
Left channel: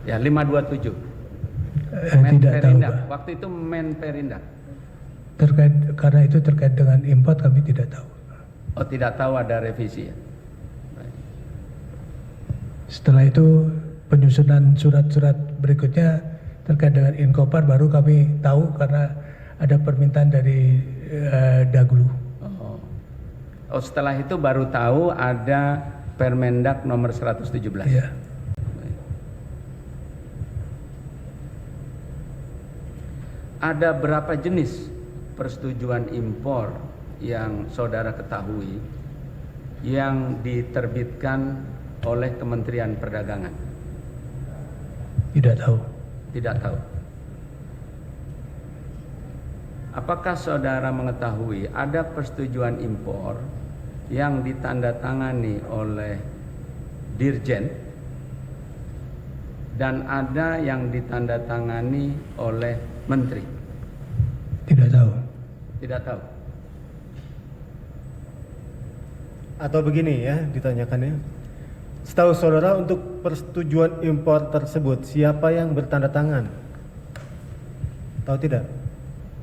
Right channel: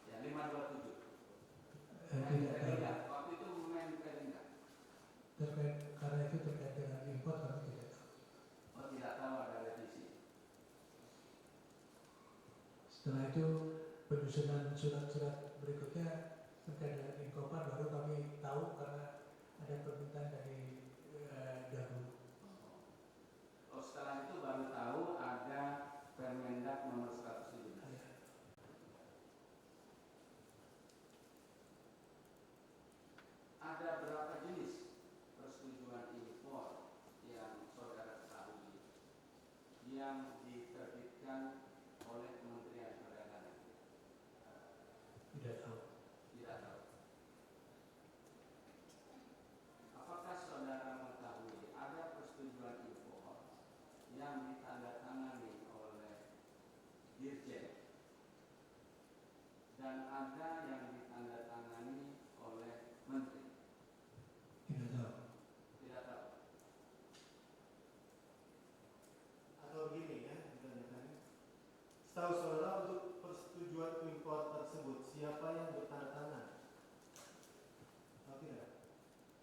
ya, 527 Menperindah, waktu itu Menperindah. Terkait, karena itu terkait dengan import kami tidak tahu. Oh, tidak tahu ada revisi ya. Baik. Setelah itu penyusunan surat-surat berikutnya terkait dengan Inkopar baru kami tahu karena ada permintaan dari Daglu. Oh, setelah itu baru tahu ada Permendak nomor 117. Iya. Ada berapa jenis persetujuan impor yang saudara ketahui yang diterbitkan oleh Kementerian Perdagangan? Tidak tahu. Tidak tahu. Apakah saudara mengetahui ada persetujuan impor yang ditandatangani oleh Dirjen dan ada yang ditandatangani oleh Menteri? Tidak tahu. Tidak tahu. Atau begini ya ditanyakannya. Setahu saudara untuk persetujuan impor tersebut siapa yang bertanda tangan? Tahu tidak?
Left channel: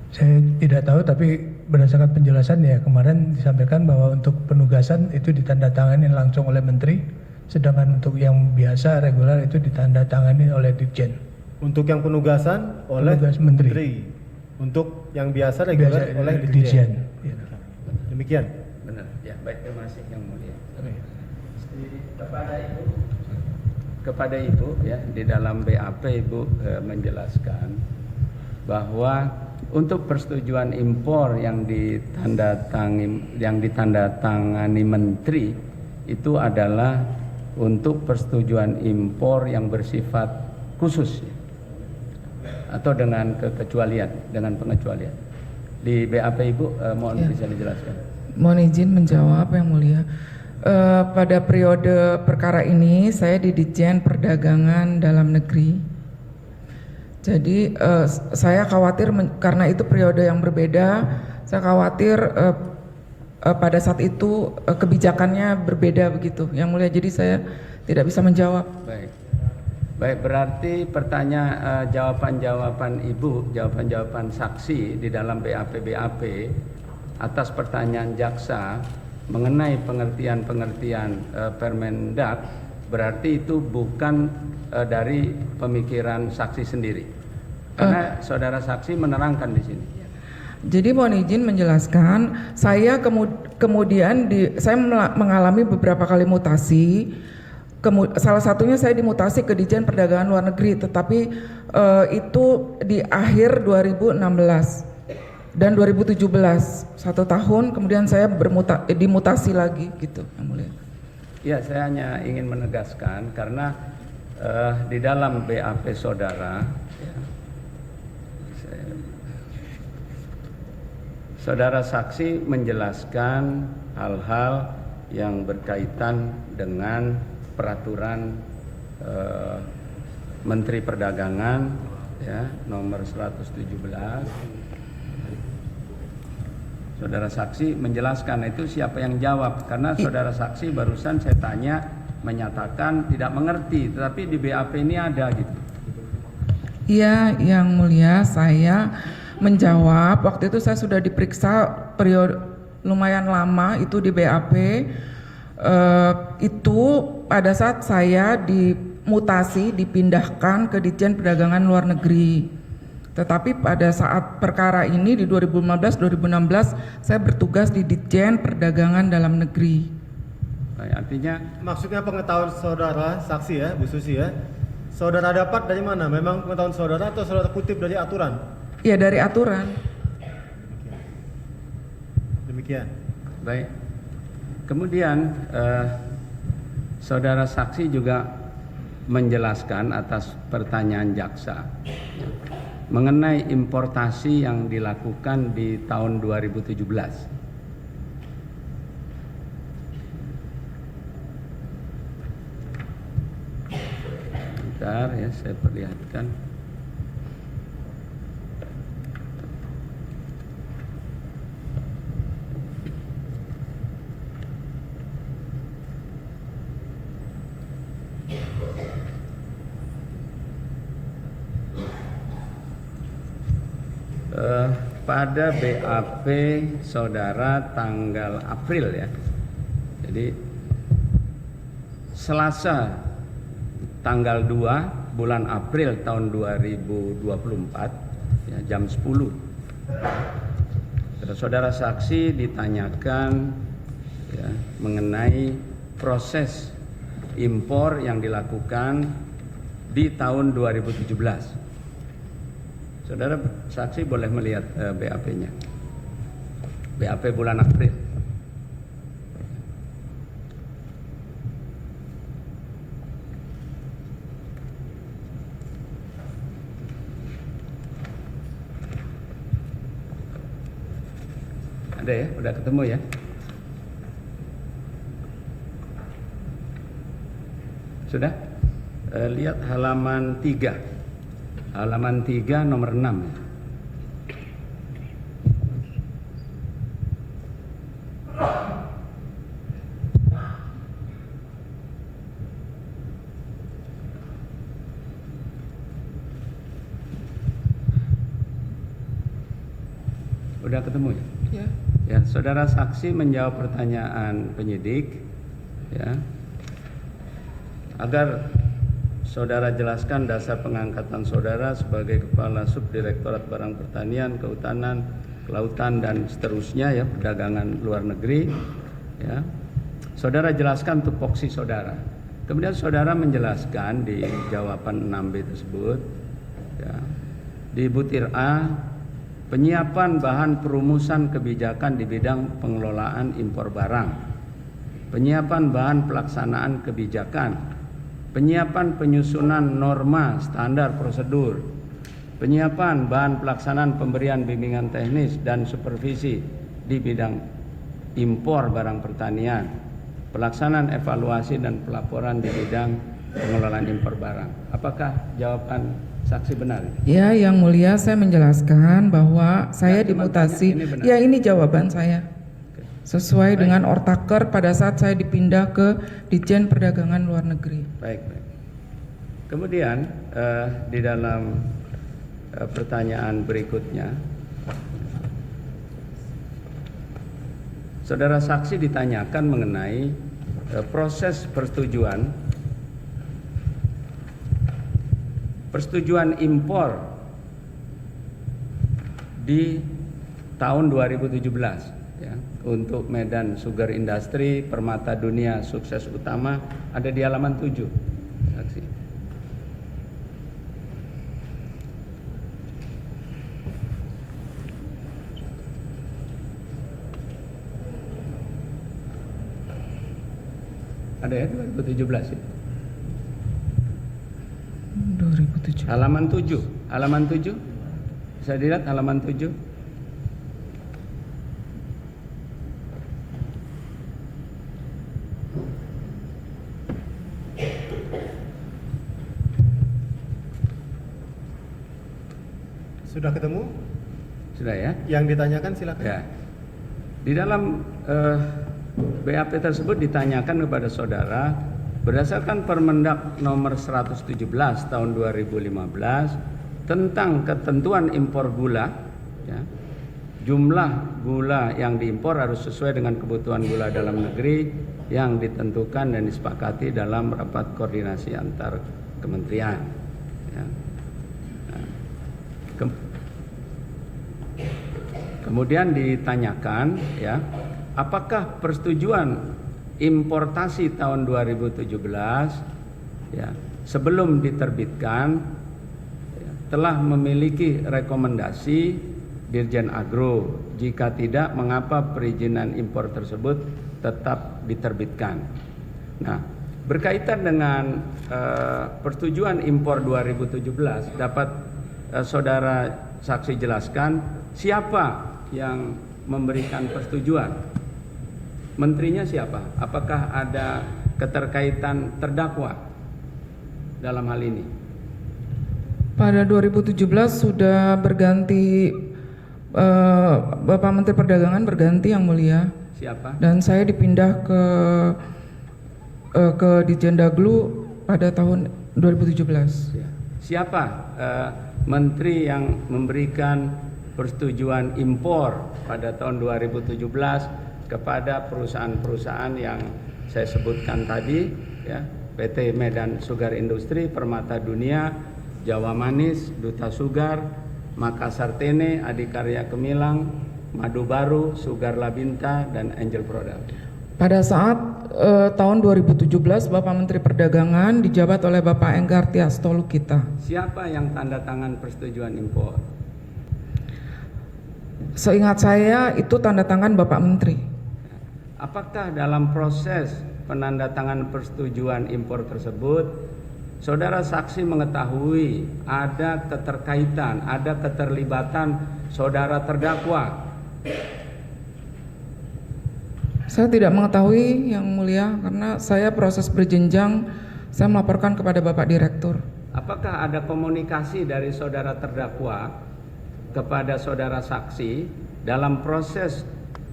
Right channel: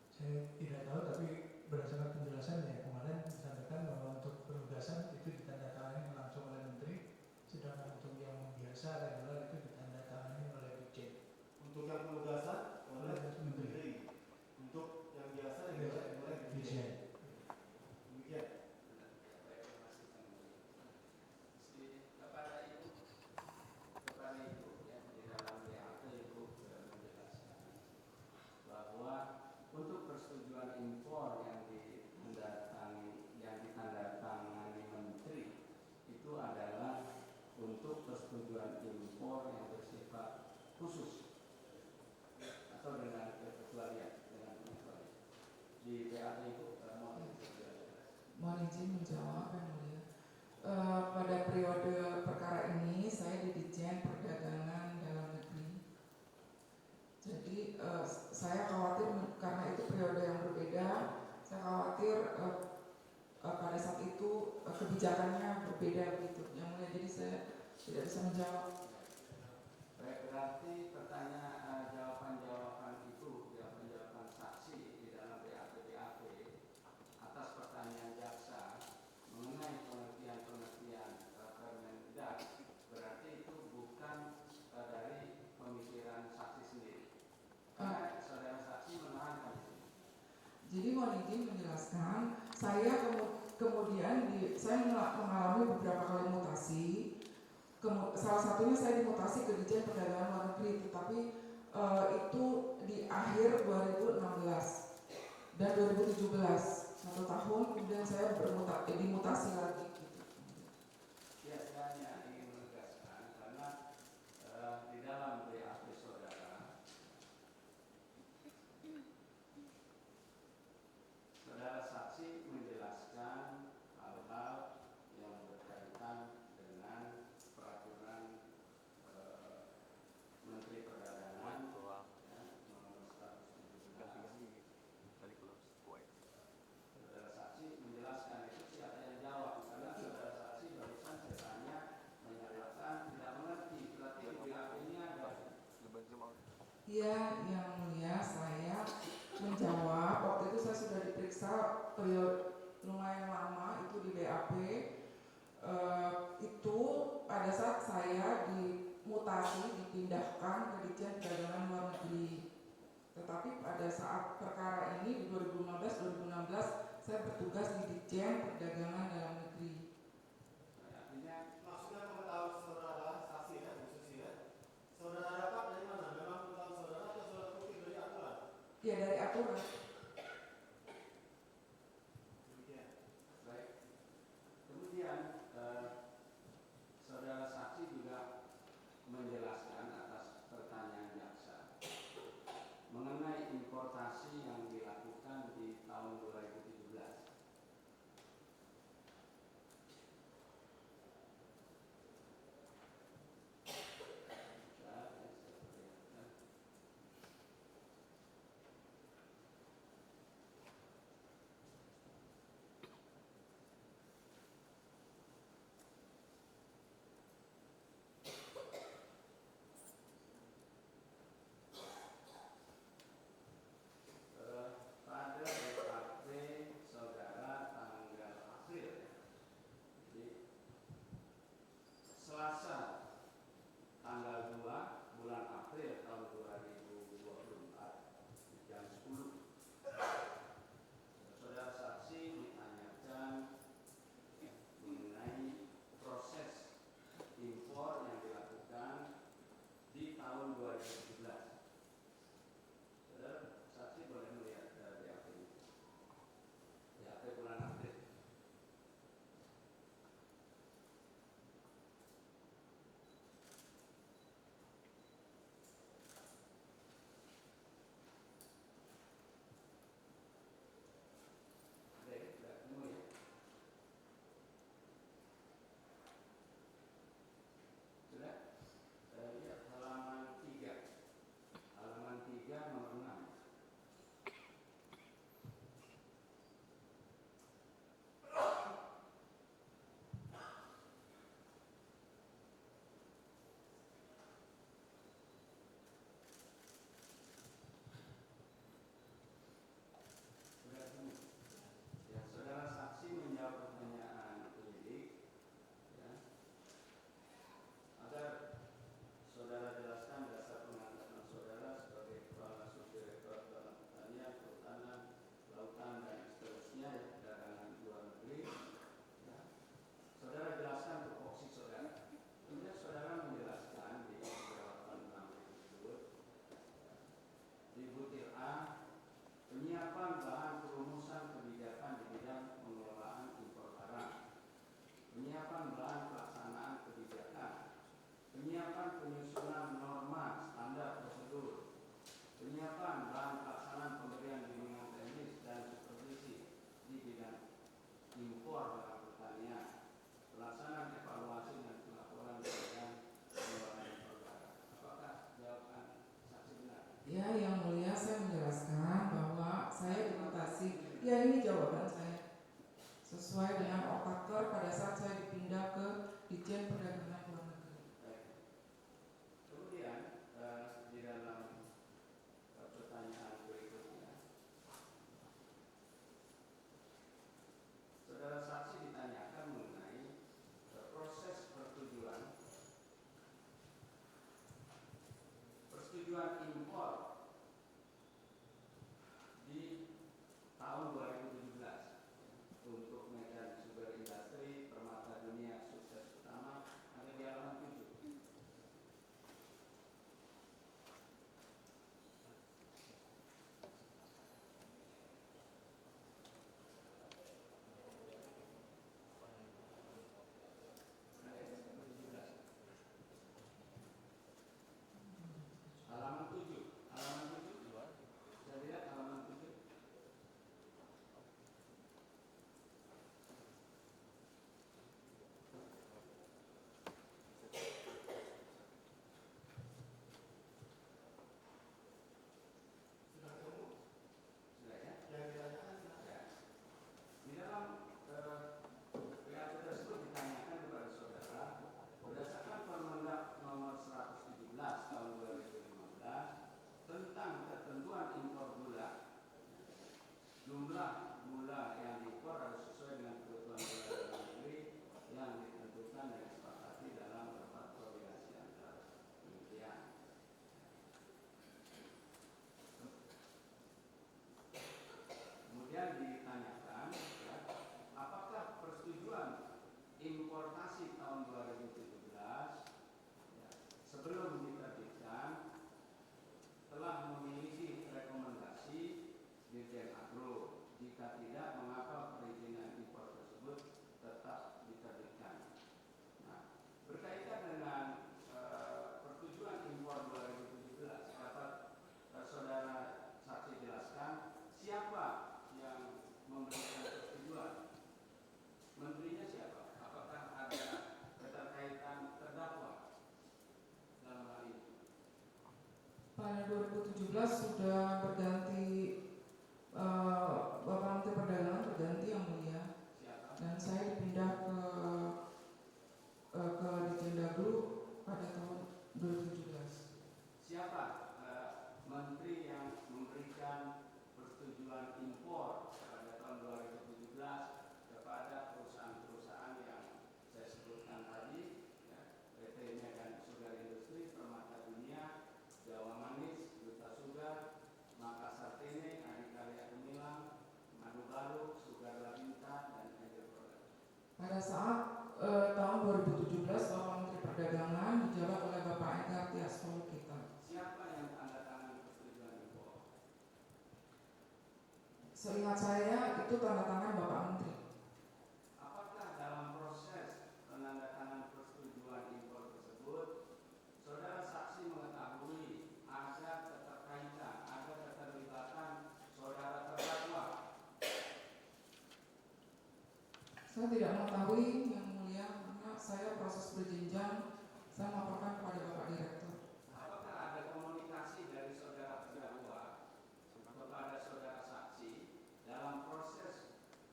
Saya tidak tahu, tapi berdasarkan penjelasan ya kemarin disampaikan bahwa untuk penugasan itu ditandatangani langsung oleh Menteri, sedangkan untuk yang biasa reguler itu ditandatangani oleh Dirjen. Untuk yang penugasan oleh Penugas Menteri. Untuk yang biasa reguler Biasa, oleh Dirjen. Dirjen. Ya. Demikian. Benar. Ya, baik, terima kasih yang mulia. Oke. Kepada Ibu ya, di dalam BAP Ibu menjelaskan bahwa untuk persetujuan impor yang ditandatangani Menteri itu adalah untuk persetujuan impor yang bersifat khusus atau dengan kekecualian, dengan pengecualian. Di BAP Ibu mohon bisa dijelaskan. Mohon izin menjawab yang mulia. Pada periode perkara ini saya di Ditjen Perdagangan Dalam Negeri. Jadi saya khawatir karena itu periode yang berbeda, saya khawatir pada saat itu kebijakannya berbeda begitu yang mulia, jadi saya tidak bisa menjawab. Baik, berarti jawaban-jawaban Ibu, jawaban-jawaban saksi di dalam BAP atas pertanyaan jaksa mengenai pengertian Permendak, berarti itu bukan dari pemikiran saksi sendiri, karena saudara saksi menerangkan di sini. Jadi mohon izin menjelaskan, saya kemudian saya mengalami beberapa kali mutasi. Salah satunya saya dimutasi ke Ditjen Perdagangan Luar Negeri, tetapi itu di akhir 2016 dan 2017, 1 tahun kemudian saya dimutasi lagi gitu yang mulia. Ya, saya hanya ingin menegaskan karena di dalam BAP saudara ya, saudara saksi menjelaskan hal-hal yang berkaitan dengan peraturan Menteri Perdagangan ya, nomor 117. Saudara saksi menjelaskan, itu siapa yang jawab? Karena saudara saksi barusan saya tanya menyatakan tidak mengerti, tetapi di BAP ini ada gitu. Iya, yang mulia, saya menjawab. Waktu itu saya sudah diperiksa periode lumayan lama itu di BAP. Itu pada saat saya dimutasi dipindahkan ke Ditjen Perdagangan Luar Negeri. Tetapi pada saat perkara ini di 2015-2016 saya bertugas di Ditjen Perdagangan Dalam Negeri. Artinya Maksudnya pengetahuan saudara saksi ya, Bu Susi ya. Saudara dapat dari mana? Memang pengetahuan saudara atau saudara kutip dari aturan? Ya, dari aturan. Demikian. baik. Kemudian saudara saksi juga menjelaskan atas pertanyaan jaksa mengenai importasi yang dilakukan di tahun 2017. Bentar ya, saya perlihatkan. Pada BAP saudara tanggal April ya, jadi Selasa tanggal 2 bulan April tahun 2024 ya, jam 10 saudara saksi ditanyakan ya, mengenai proses impor yang dilakukan di tahun 2017. Saudara saksi boleh melihat BAP-nya. BAP bulan April. Ada ya? Udah ketemu ya? Sudah? Lihat halaman 3. Halaman 3 nomor 6. Udah ketemu ya? Ya. Ya, saudara saksi menjawab pertanyaan penyidik, ya, agar saudara jelaskan dasar pengangkatan saudara sebagai Kepala Subdirektorat Barang Pertanian, Kehutanan, Kelautan dan seterusnya, ya, perdagangan luar negeri, ya. Saudara jelaskan tupoksi saudara. Kemudian saudara menjelaskan di jawaban 6B tersebut, ya, di butir A, penyiapan bahan perumusan kebijakan di bidang pengelolaan impor barang, penyiapan bahan pelaksanaan kebijakan, penyiapan penyusunan norma standar prosedur, penyiapan bahan pelaksanaan pemberian bimbingan teknis dan supervisi di bidang impor barang pertanian, pelaksanaan evaluasi dan pelaporan di bidang pengelolaan impor barang. Apakah jawaban saksi benar? Ya, Yang Mulia, saya menjelaskan bahwa saya cuma dimutasi. tanya, ini benar. Ya, ini jawaban saya. Sesuai dengan ortaker pada saat saya dipindah ke Ditjen Perdagangan Luar Negeri. Baik. Kemudian di dalam pertanyaan berikutnya, saudara saksi ditanyakan mengenai proses persetujuan impor di tahun 2017, ya, untuk Medan Sugar Industry, Permata Dunia Sukses Utama, ada di halaman 7. Saksi. Ada ya 2017 ya? 2007. Halaman 7. Halaman 7. Bisa dilihat halaman 7. Sudah ketemu? Sudah ya? Yang ditanyakan silakan. Ya. Di dalam BAP tersebut ditanyakan kepada saudara, berdasarkan Permendak nomor 117 tahun 2015 tentang ketentuan impor gula, ya, jumlah gula yang diimpor harus sesuai dengan kebutuhan gula dalam negeri yang ditentukan dan disepakati dalam rapat koordinasi antar kementerian, ya. Nah, kemudian ditanyakan, ya, apakah persetujuan importasi tahun 2017, ya, sebelum diterbitkan, ya, telah memiliki rekomendasi Dirjen Agro. Jika tidak, mengapa perizinan impor tersebut tetap diterbitkan? Nah, berkaitan dengan persetujuan impor 2017, dapat saudara saksi jelaskan siapa yang memberikan persetujuan? Menterinya siapa? Apakah ada keterkaitan terdakwa dalam hal ini? Pada 2017 sudah berganti, Bapak Menteri Perdagangan berganti, Yang Mulia. Siapa? Dan saya dipindah ke Ditjen Daglu pada tahun 2017. Ya. Siapa menteri yang memberikan persetujuan impor pada tahun 2017 kepada perusahaan-perusahaan yang saya sebutkan tadi, ya, PT Medan Sugar Industry, Permata Dunia, Jawa Manis, Duta Sugar, Makassar Tene, Adikarya Kemilang, Madu Baru, Sugar Labinta, dan Angel Product. Pada saat tahun 2017 Bapak Menteri Perdagangan dijabat oleh Bapak Enggar Tiasto Lukita. Siapa yang tanda tangan persetujuan impor? Seingat saya itu tanda tangan Bapak Menteri. Apakah dalam proses penandatangan persetujuan impor tersebut, saudara saksi mengetahui ada keterkaitan, ada keterlibatan saudara terdakwa? Saya tidak mengetahui, Yang Mulia, karena saya proses berjenjang saya melaporkan kepada Bapak Direktur. Apakah ada komunikasi dari saudara terdakwa kepada saudara saksi dalam proses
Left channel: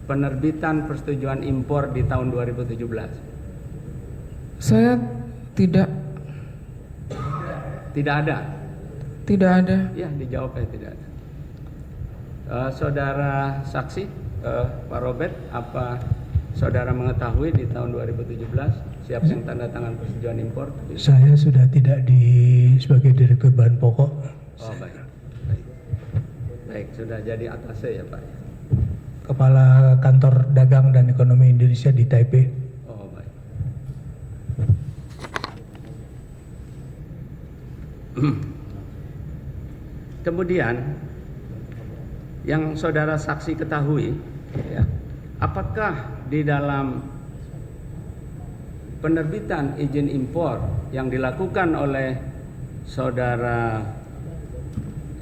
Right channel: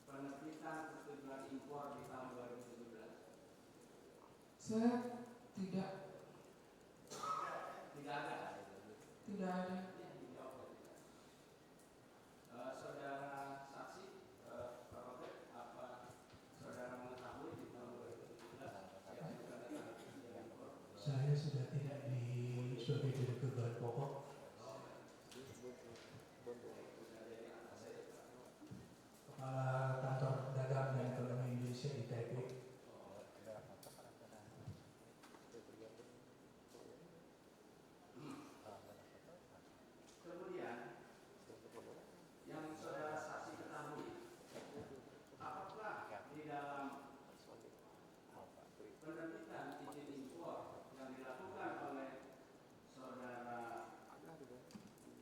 penerbitan persetujuan impor di tahun 2017? Saya tidak Tidak ada. Ya, dijawabnya tidak ada. Saudara saksi, Pak Robert, apa saudara mengetahui di tahun 2017 siapa yang tanda tangan persetujuan impor? Saya sudah tidak sebagai direktur bahan pokok. Oh, baik. Baik, sudah jadi atasnya ya Pak. Kepala Kantor Dagang dan Ekonomi Indonesia di Taipei. Oh, baik. Kemudian yang saudara saksi ketahui, ya, apakah di dalam penerbitan izin impor yang dilakukan oleh saudara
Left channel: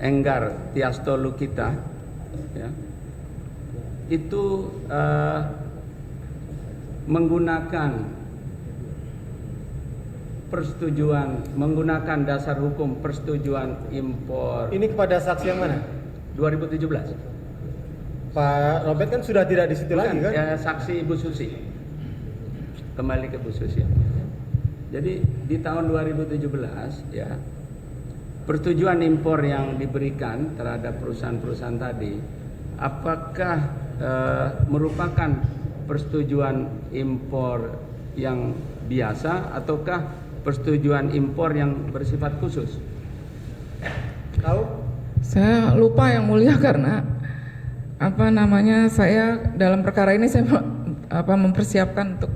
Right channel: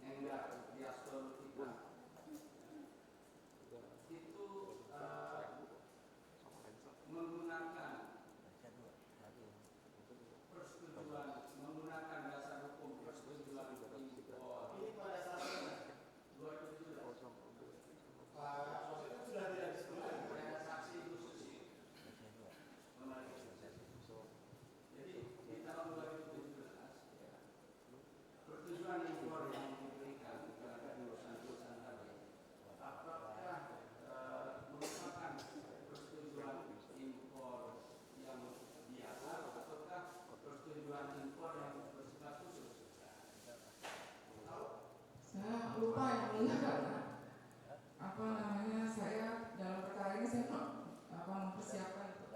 Enggar Tiasto Lukita, ya, itu menggunakan menggunakan dasar hukum persetujuan impor Ini kepada saksi yang mana? 2017. Pak Robert kan sudah tidak di situ lagi kan? Ya, saksi Ibu Susi. Kembali ke Bu Susi. Jadi di tahun 2017 ya, persetujuan impor yang diberikan terhadap perusahaan-perusahaan tadi, apakah merupakan persetujuan impor yang biasa ataukah persetujuan impor yang bersifat khusus? Tahu? Saya lupa yang mulia karena saya dalam perkara ini saya mempersiapkan untuk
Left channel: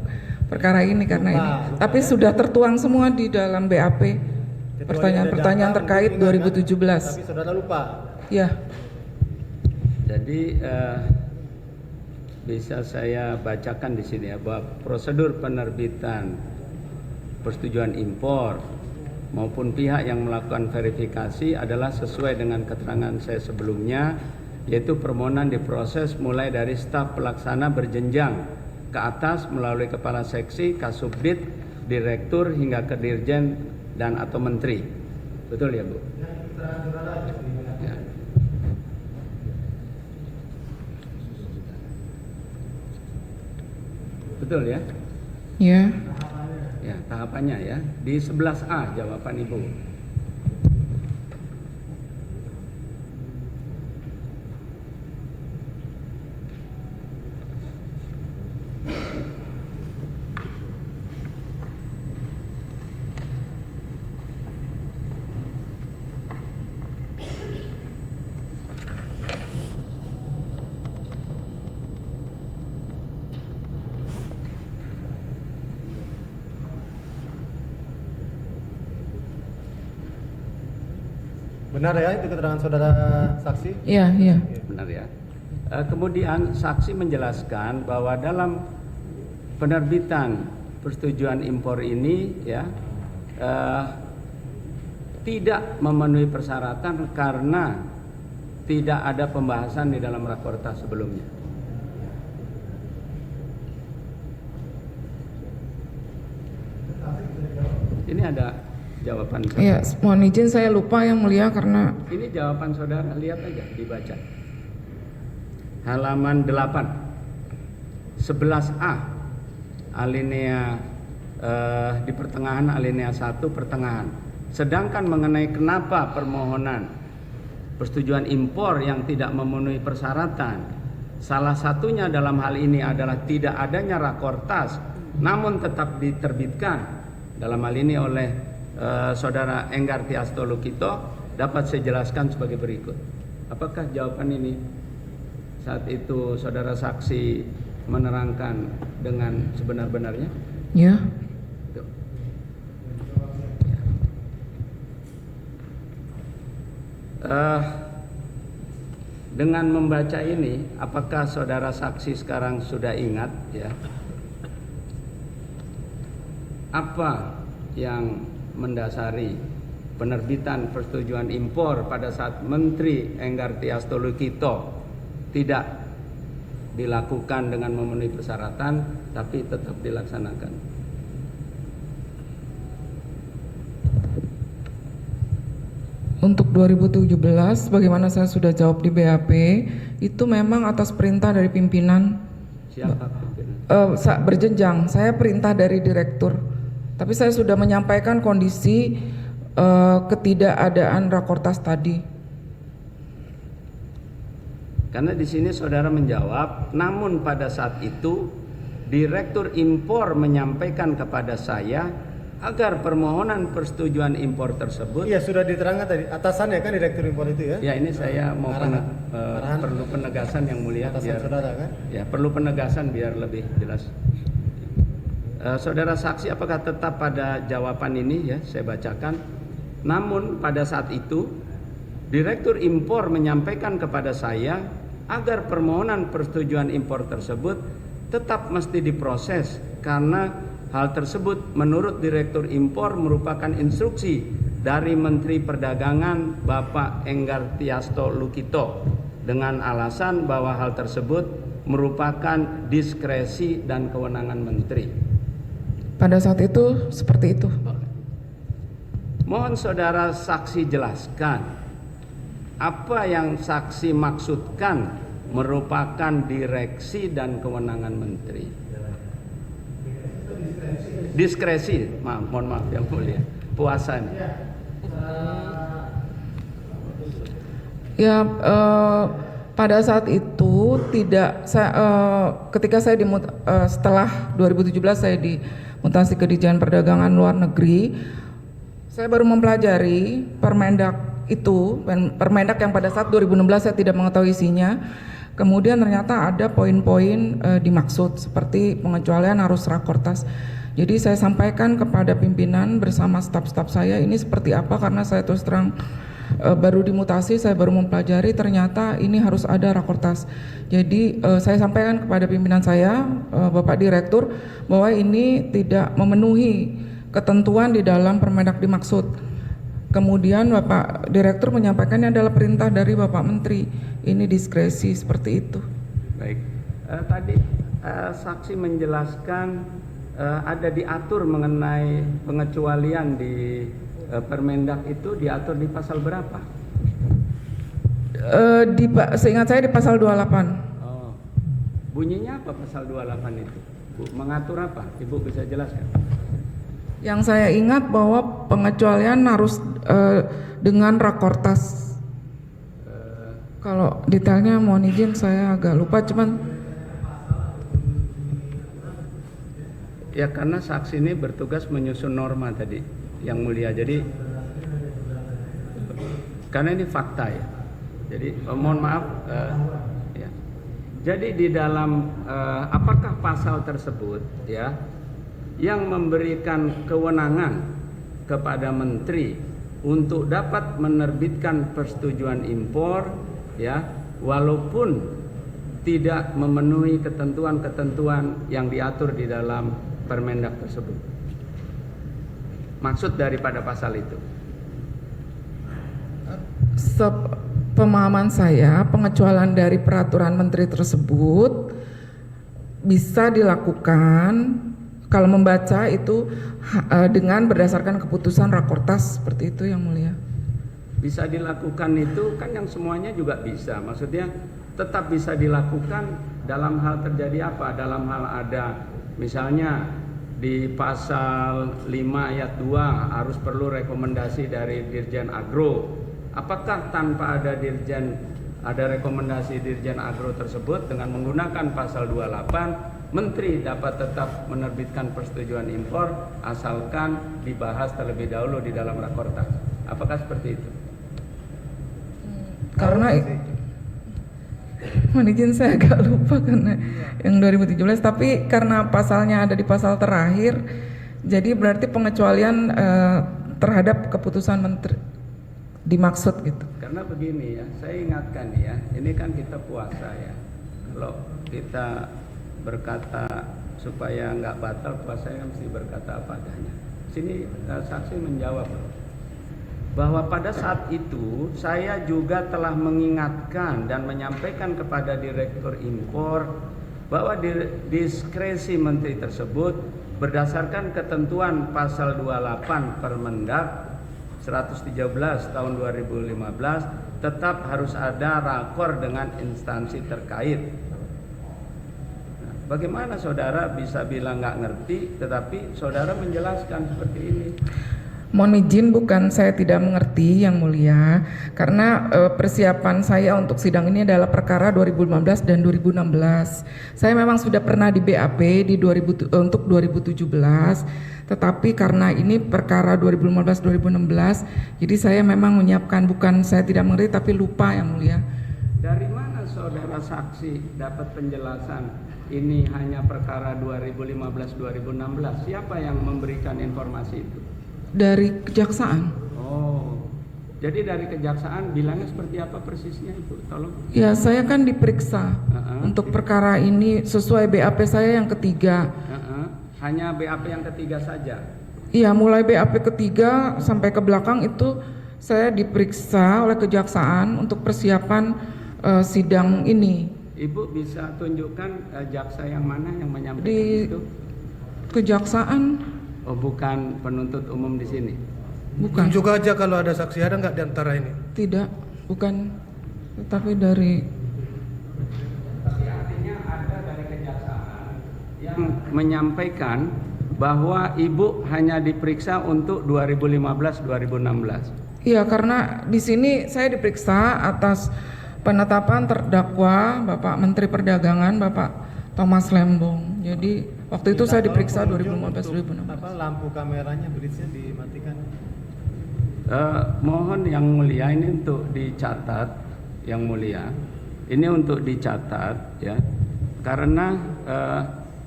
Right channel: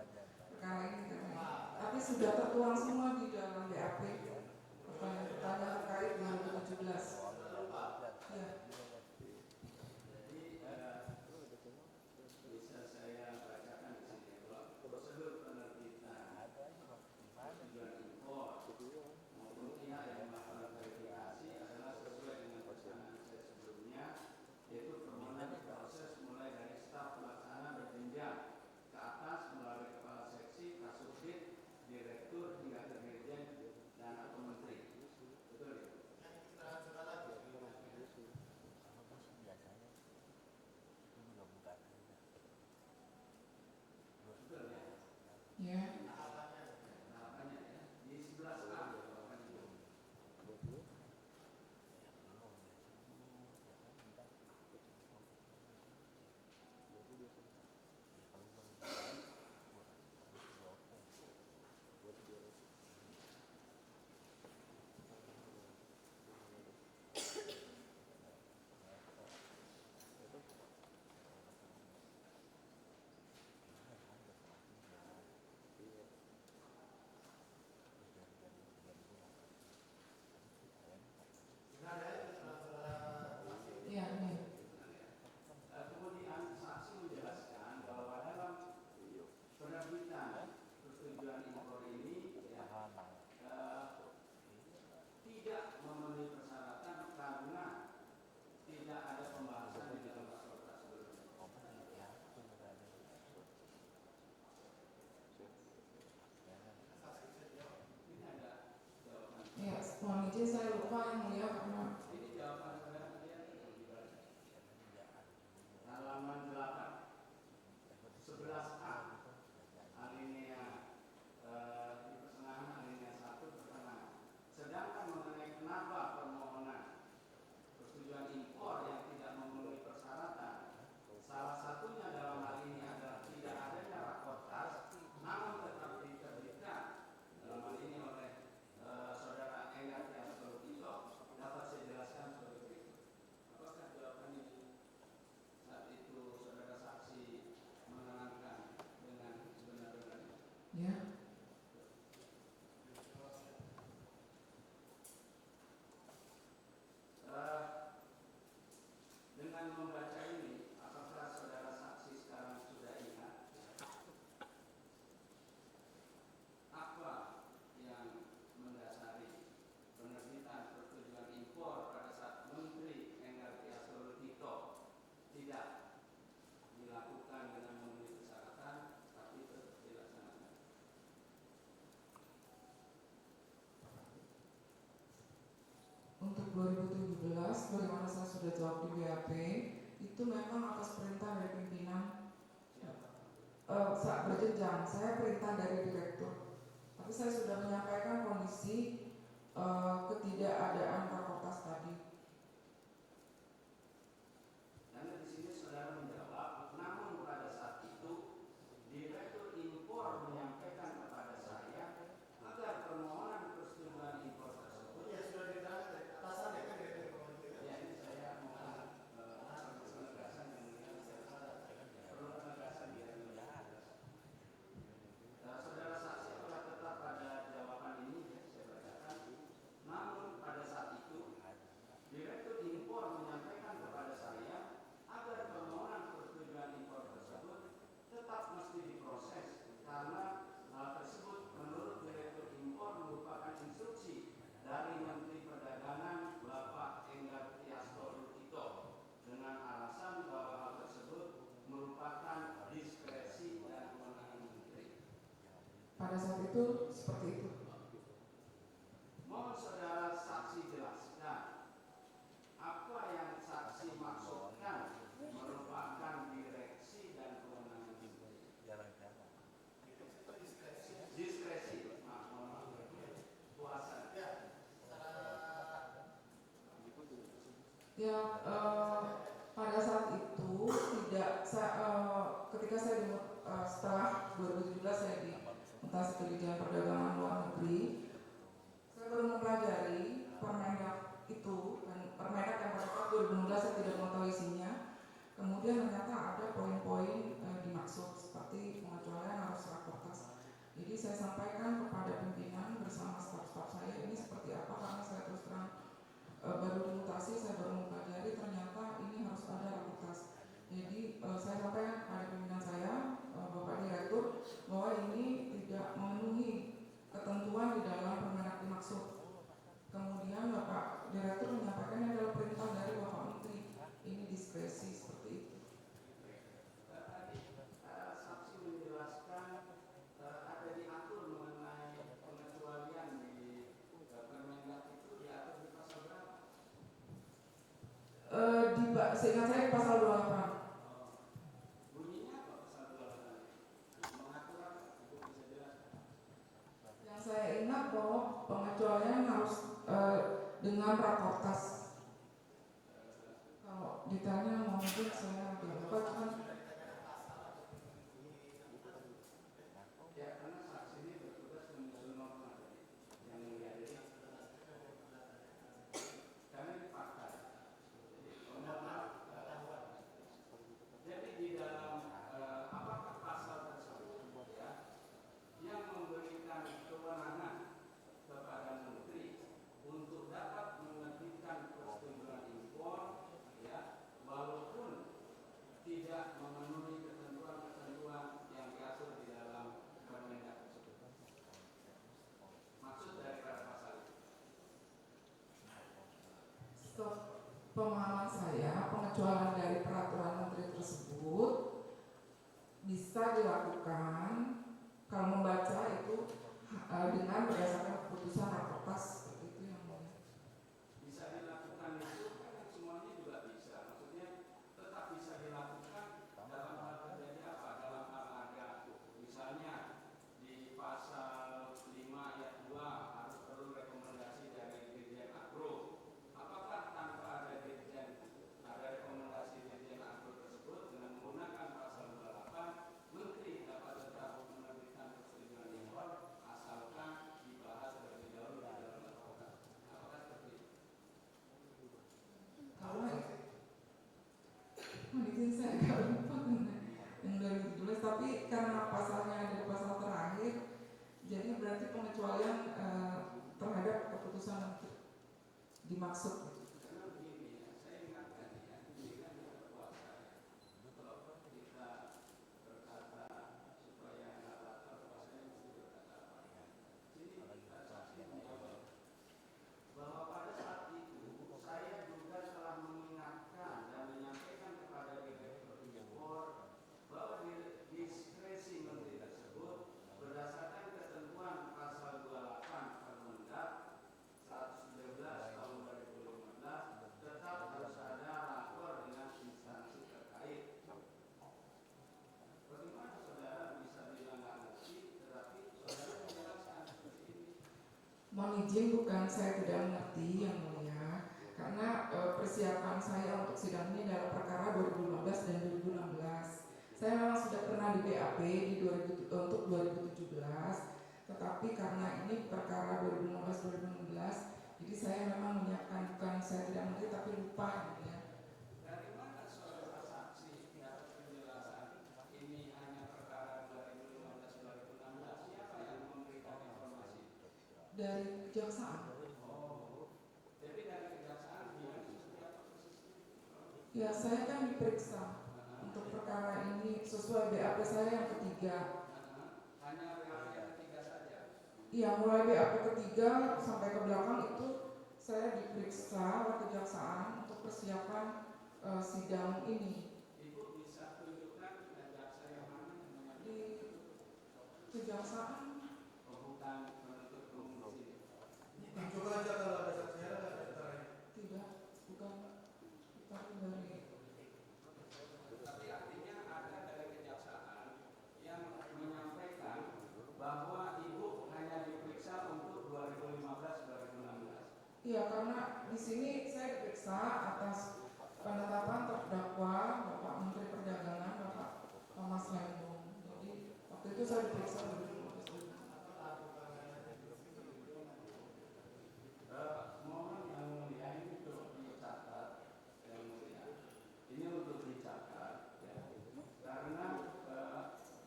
perkara ini karena ini. Tapi sudah tertuang semua di dalam BAP pertanyaan-pertanyaan terkait 2017. Tapi saudara lupa. Ya. Jadi bisa saya bacakan di sini ya, bahwa prosedur penerbitan persetujuan impor maupun pihak yang melakukan verifikasi adalah sesuai dengan keterangan saya sebelumnya, yaitu permohonan diproses mulai dari staf pelaksana berjenjang ke atas melalui kepala seksi, kasubdit, direktur hingga ke dirjen dan atau menteri. Betul ya, Bu? Ya. Betul ya? Ya. Ya, tahapannya ya. Di 11A jawaban Ibu. Benar ya itu keterangan saudara saksi? Iya, iya. Benar ya. Kemudian saksi menjelaskan bahwa dalam penerbitan persetujuan impor ini ya tidak memenuhi persyaratan karena tidak ada pembahasan di dalam rakorta sebelumnya. Ini ada jawaban saudara. Iya, mohon izin saya lupa yang mulia karena Ini jawaban saudara, lihat aja, dibaca. Halaman 8, 11A, alinea di pertengahan alinea 1 pertengahan. Sedangkan mengenai kenapa permohonan persetujuan impor yang tidak memenuhi persyaratan, salah satunya dalam hal ini adalah tidak adanya rakortas, namun tetap diterbitkan dalam hal ini oleh saudara Enggar Tiasto Lukito, dapat saya jelaskan sebagai berikut. Apakah jawaban ini saat itu saudara saksi menerangkan dengan sebenar-benarnya? ya. Dengan membaca ini, apakah saudara saksi sekarang sudah ingat ya apa yang mendasari penerbitan persetujuan impor pada saat Menteri Enggar Tiasto Lukito tidak dilakukan dengan memenuhi persyaratan tapi tetap dilaksanakan? Untuk 2017, bagaimana saya sudah jawab di BAP, itu memang atas perintah dari pimpinan. Siapa pimpinan? Berjenjang, saya perintah dari direktur. Tapi saya sudah menyampaikan kondisi ketidakadaan rakortas tadi. Karena di sini saudara menjawab, namun pada saat itu Direktur Impor menyampaikan kepada saya agar permohonan persetujuan impor tersebut. Iya, sudah diterangkan tadi. Atasannya kan direktur impor itu ya? Ya, ini saya mau Arahan. perlu penegasan yang mulia Atasan biar saudara kan? ya perlu penegasan biar lebih jelas. Saudara saksi apakah tetap pada jawaban ini ya saya bacakan. Namun pada saat itu Direktur Impor menyampaikan kepada saya agar permohonan persetujuan impor tersebut tetap mesti diproses karena hal tersebut menurut Direktur Impor merupakan instruksi dari Menteri Perdagangan Bapak Enggar Tiasto Lukito dengan alasan bahwa hal tersebut merupakan diskresi dan kewenangan Menteri. Pada saat itu seperti itu. Mohon saudara saksi jelaskan apa yang saksi maksudkan merupakan direksi dan kewenangan Menteri. Diskresi, mohon maaf yang mulia, puasa nih. Ya, pada saat itu tidak, ketika saya setelah 2017 saya dimutasi ke Ditjen Perdagangan Luar Negeri, saya baru mempelajari Permendak itu, Permendak yang pada saat 2016 saya tidak mengetahui isinya. Kemudian ternyata ada poin-poin dimaksud seperti pengecualian arus rakortas. Jadi saya sampaikan kepada pimpinan bersama staf-staf saya ini seperti apa karena saya terus terang baru dimutasi, saya baru mempelajari ternyata ini harus ada rakortas. Jadi saya sampaikan kepada pimpinan saya, Bapak Direktur, bahwa ini tidak memenuhi ketentuan di dalam Permendak dimaksud. Kemudian Bapak Direktur menyampaikannya adalah perintah dari Bapak Menteri. Ini diskresi seperti itu. Baik, tadi saksi menjelaskan ada diatur mengenai pengecualian di Permendak itu diatur di pasal berapa? Seingat saya di pasal 28. Oh, bunyinya apa pasal 28 itu? Bu, mengatur apa? Ibu bisa jelaskan? Yang saya ingat bahwa pengecualian harus dengan rakortas. Kalau detailnya mohon izin saya agak lupa, cuman ya karena saksi ini bertugas menyusun norma tadi yang mulia. Jadi karena ini fakta ya. Jadi mohon maaf ya. Jadi di dalam apakah pasal tersebut ya yang memberikan kewenangan kepada menteri untuk dapat menerbitkan persetujuan impor ya walaupun tidak memenuhi ketentuan-ketentuan yang diatur di dalam Permendak tersebut. Maksud daripada pasal itu. Pemahaman saya, pengecualian dari peraturan menteri tersebut bisa dilakukan kalau membaca itu dengan berdasarkan keputusan rakortas seperti itu yang mulia. Bisa dilakukan itu kan yang semuanya juga bisa. Maksudnya tetap bisa dilakukan dalam hal terjadi apa? Dalam hal ada misalnya di pasal 5 ayat 2 harus perlu rekomendasi dari Dirjen Agro. Apakah tanpa ada rekomendasi Dirjen Agro tersebut dengan menggunakan pasal 28 Menteri dapat tetap menerbitkan persetujuan impor asalkan dibahas terlebih dahulu di dalam rakortas. Apakah seperti itu? Karena mohon izin saya agak lupa karena yang 2017, tapi karena pasalnya ada di pasal terakhir, jadi berarti pengecualian terhadap keputusan menteri dimaksud gitu. Karena begini ya, saya ingatkan ya, ini kan kita puasa ya. Kalau kita berkata supaya nggak batal puasanya mesti berkata apa adanya. Sini saksi menjawab bahwa pada saat itu saya juga telah mengingatkan dan menyampaikan kepada Direktur Impor bahwa diskresi menteri tersebut berdasarkan ketentuan pasal 28 Permendak 113 tahun 2015 tetap harus ada rakor dengan instansi terkait. Nah, bagaimana saudara bisa bilang nggak ngerti, tetapi saudara menjelaskan seperti ini? Mohon izin, bukan saya tidak mengerti Yang Mulia, karena persiapan saya untuk sidang ini adalah perkara 2015 dan 2016. Saya memang sudah pernah di BAP untuk 2017, tetapi karena ini perkara 2015-2016, jadi saya memang menyiapkan, bukan saya tidak mengerti tapi lupa Yang Mulia. Dari mana saudara saksi dapat penjelasan ini hanya perkara 2015-2016? Siapa yang memberikan informasi itu? Dari kejaksaan. Oh, jadi dari kejaksaan bilangnya seperti apa persisnya itu? Tolong. Ya, saya kan diperiksa untuk perkara ini sesuai BAP saya yang ketiga. Hanya BAP yang ketiga saja? Iya, mulai BAP ketiga sampai ke belakang itu saya diperiksa oleh kejaksaan untuk persiapan sidang ini. Ibu bisa tunjukkan jaksa yang mana yang menyampaikan Di itu? kejaksaan. Oh, bukan penuntut umum di sini? Bukan. Tunjuk aja kalau ada saksi, ada nggak di antara ini? Tidak, bukan. Tetapi dari Artinya ada dari kejaksaan yang menyampaikan bahwa ibu hanya diperiksa untuk 2015-2016. Iya, karena di sini saya diperiksa atas penetapan terdakwa Bapak Menteri Perdagangan Bapak Thomas Lembong. Jadi waktu itu saya diperiksa 2015-2016. Apa lampu kameranya bridge-nya dimatikan? Mohon Yang Mulia ini untuk dicatat, Yang Mulia. Ini untuk dicatat ya. Karena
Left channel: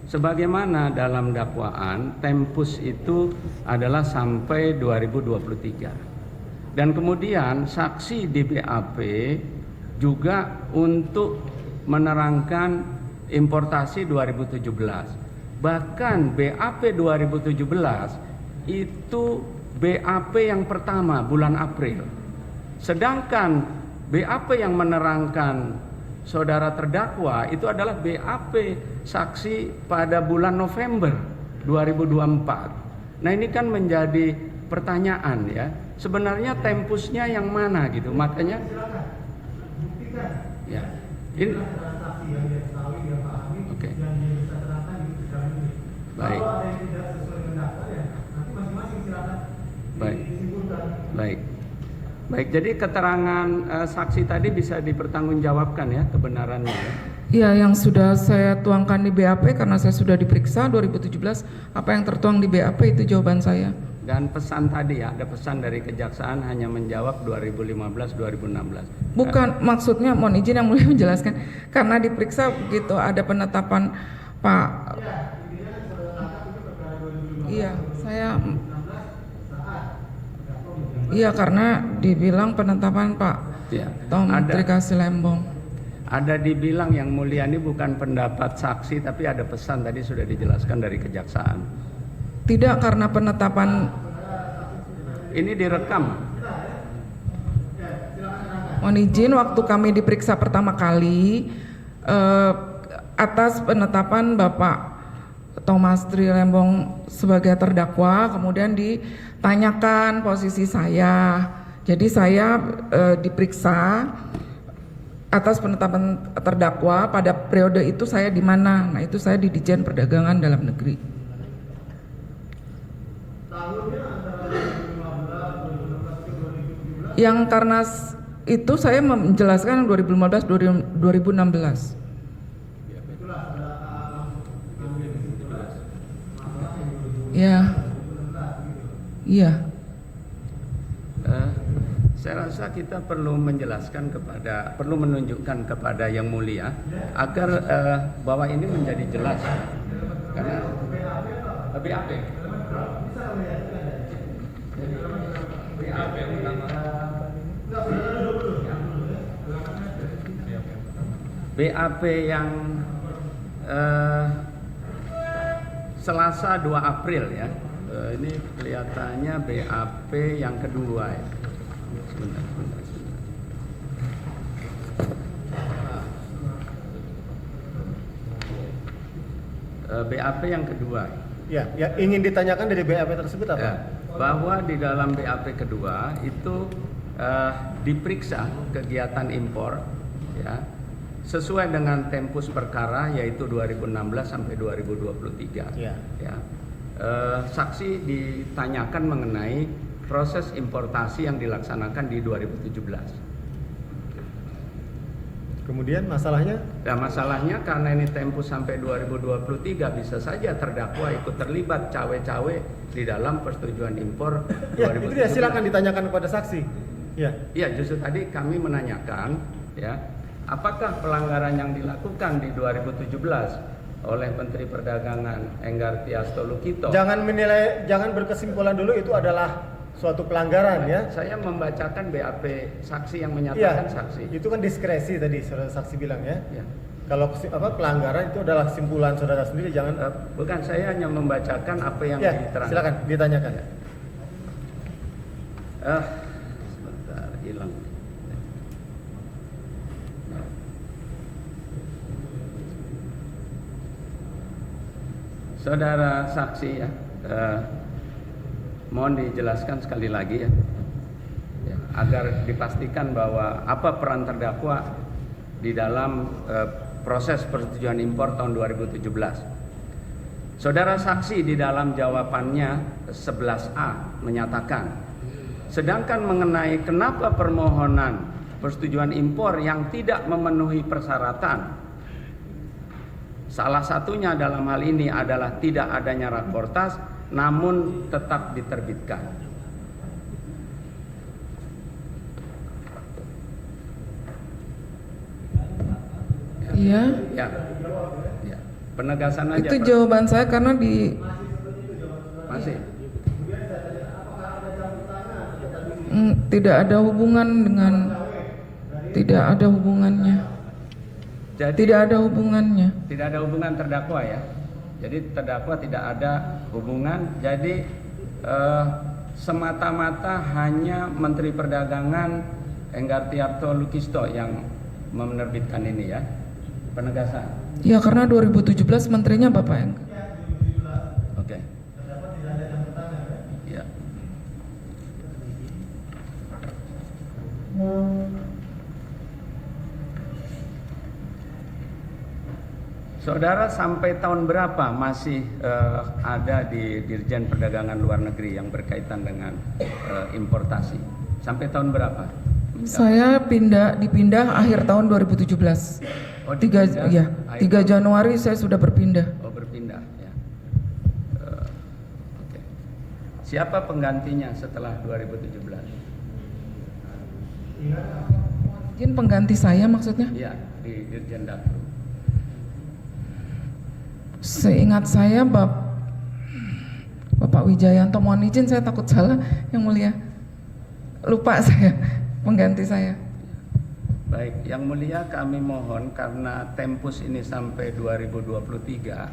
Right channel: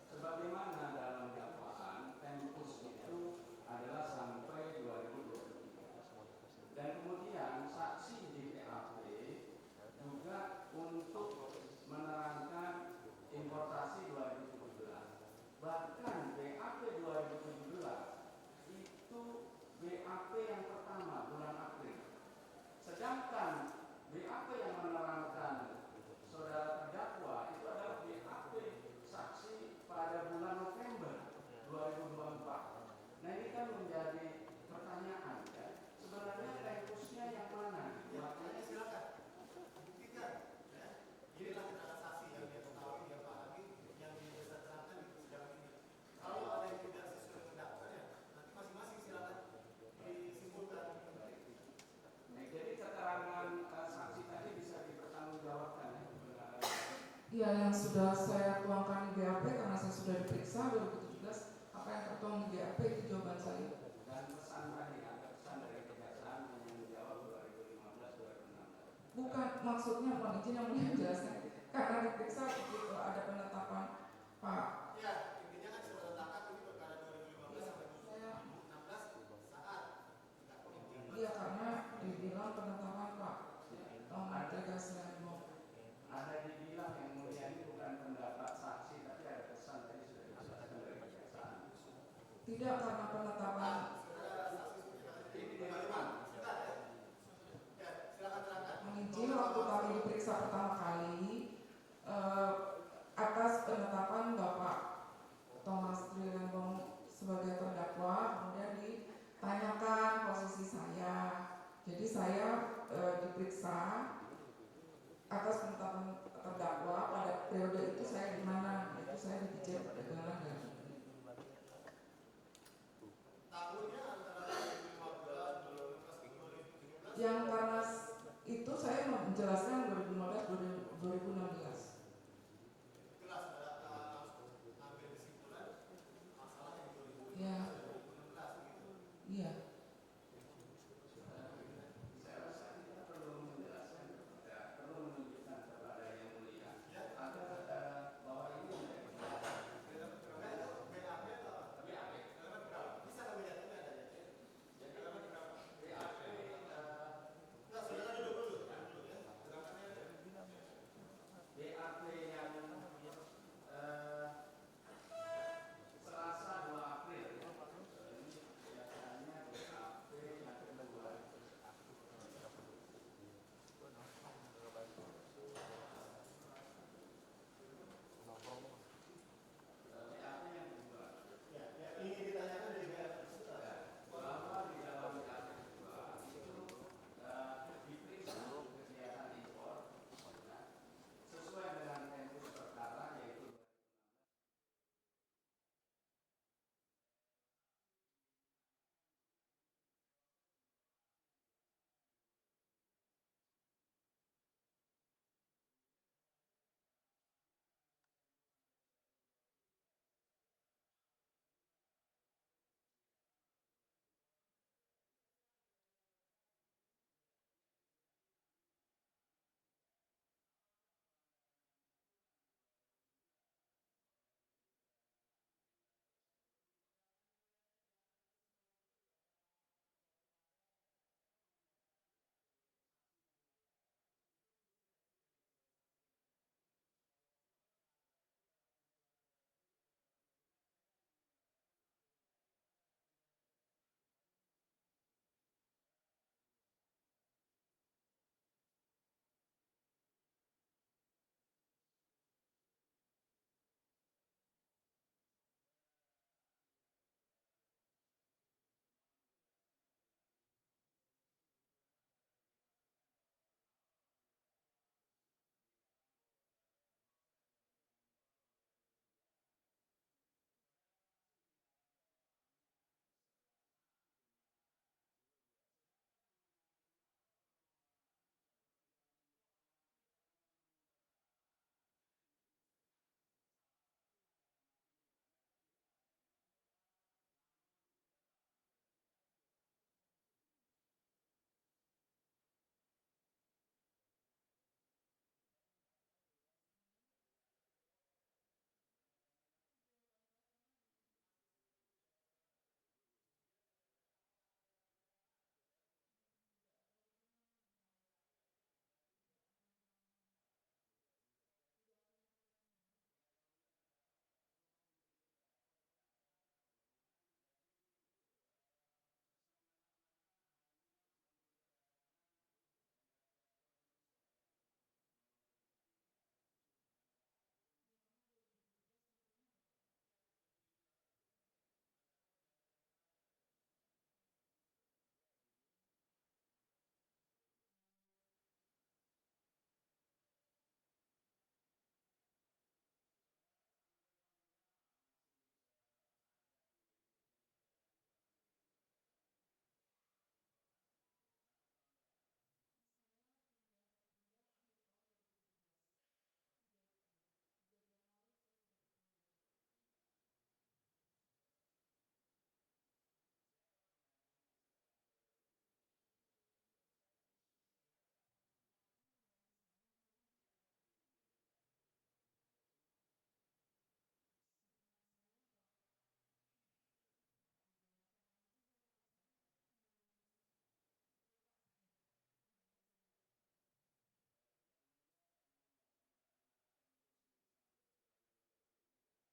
sebagaimana dalam dakwaan tempus itu adalah sampai 2023. Dan kemudian saksi di BAP juga untuk menerangkan importasi 2017. Bahkan BAP 2017 itu BAP yang pertama bulan April. Sedangkan BAP yang menerangkan saudara terdakwa itu adalah BAP saksi pada bulan November 2024. Nah, ini kan menjadi pertanyaan ya. Sebenarnya tempusnya yang mana gitu. Makanya ya. Ini oke. Baik. Baik. Baik, jadi keterangan saksi tadi bisa dipertanggungjawabkan ya kebenarannya ya? Iya, yang sudah saya tuangkan di BAP karena saya sudah diperiksa 2017, apa yang tertuang di BAP itu jawaban saya. Dan pesan tadi ya, ada pesan dari kejaksaan hanya menjawab 2015-2016. Bukan, maksudnya mohon izin Yang Mulia menjelaskan, karena diperiksa begitu ada penetapan Pak. Iya, saya. Iya, karena dibilang penetapan Pak Ya, Menteri Kasih Lembong. ada dibilang Yang Mulia ini bukan pendapat saksi, tapi ada pesan tadi sudah dijelaskan dari kejaksaan. Tidak, karena penetapan Ini direkam. mohon izin, waktu kami diperiksa pertama kali atas penetapan Bapak Thomas Tri Lembong sebagai terdakwa, kemudian ditanyakan posisi saya. Jadi saya diperiksa atas penetapan terdakwa pada periode itu saya di mana? Nah, itu saya di Ditjen Perdagangan Dalam Negeri. Yang karena itu saya menjelaskan 2015-2016. Ya, iya. Saya rasa kita perlu menjelaskan perlu menunjukkan kepada Yang Mulia agar bahwa ini menjadi jelas. Karena BAP. BAP utama. BAP yang Selasa 2 April ya. Ini kelihatannya BAP yang kedua ya. Sebentar. BAP yang kedua. Ya, yang ingin ditanyakan dari BAP tersebut apa? Ya. bahwa di dalam BAP kedua itu diperiksa kegiatan impor ya sesuai dengan tempus perkara yaitu 2016 sampai 2023. Ya. Ya. Saksi ditanyakan mengenai proses importasi yang dilaksanakan di 2017. Kemudian masalahnya? Dan masalahnya karena ini tempus sampai 2023 bisa saja terdakwa ikut terlibat cawe-cawe di dalam persetujuan impor 2017. Ya, itu dia, silakan ditanyakan kepada saksi. Ya. Iya, justru tadi kami menanyakan ya, apakah pelanggaran yang dilakukan di 2017 oleh Menteri Perdagangan Enggar Tias Tolukito. Jangan berkesimpulan dulu itu adalah suatu pelanggaran ya. Saya membacakan BAP saksi yang menyatakan Iya, saksi. itu kan diskresi tadi saudara saksi bilang ya. Ya. Kalau pelanggaran itu adalah kesimpulan saudara sendiri, jangan. Bukan, saya hanya membacakan apa yang Ya, diterangkan. silakan ditanyakan. Sebentar, hilang. Saudara saksi ya, mohon dijelaskan sekali lagi ya, agar dipastikan bahwa apa peran terdakwa di dalam proses persetujuan impor tahun 2017. Saudara saksi di dalam jawabannya 11A menyatakan, sedangkan mengenai kenapa permohonan persetujuan impor yang tidak memenuhi persyaratan, salah satunya dalam hal ini adalah tidak adanya rakortas namun tetap diterbitkan. Iya. Ya. Ya. Penegasan aja. Itu Pak. jawaban saya karena di Masih. tidak ada hubungan dengan, tidak ada hubungannya. Jadi Tidak ada hubungannya. tidak ada hubungan terdakwa ya. Jadi terdakwa tidak ada hubungan. Jadi semata-mata hanya Menteri Perdagangan Enggar Tias Tolukisto yang menerbitkan ini ya. Penegasan. Ya karena 2017 menterinya Bapak Enggar. Oke. Ya. Saudara sampai tahun berapa masih ada di Dirjen Perdagangan Luar Negeri yang berkaitan dengan importasi? Sampai tahun berapa? Saya dipindah akhir tahun 2017. Oh, 3 Januari saya sudah berpindah. Oh, berpindah ya. Oke. Siapa penggantinya setelah 2017? Izin pengganti saya maksudnya? Iya, di Dirjen Daklu. Seingat saya Bapak Wijayanto, mohon izin saya takut salah yang mulia. Lupa saya pengganti saya. Baik, yang mulia kami mohon karena tempus ini sampai 2023,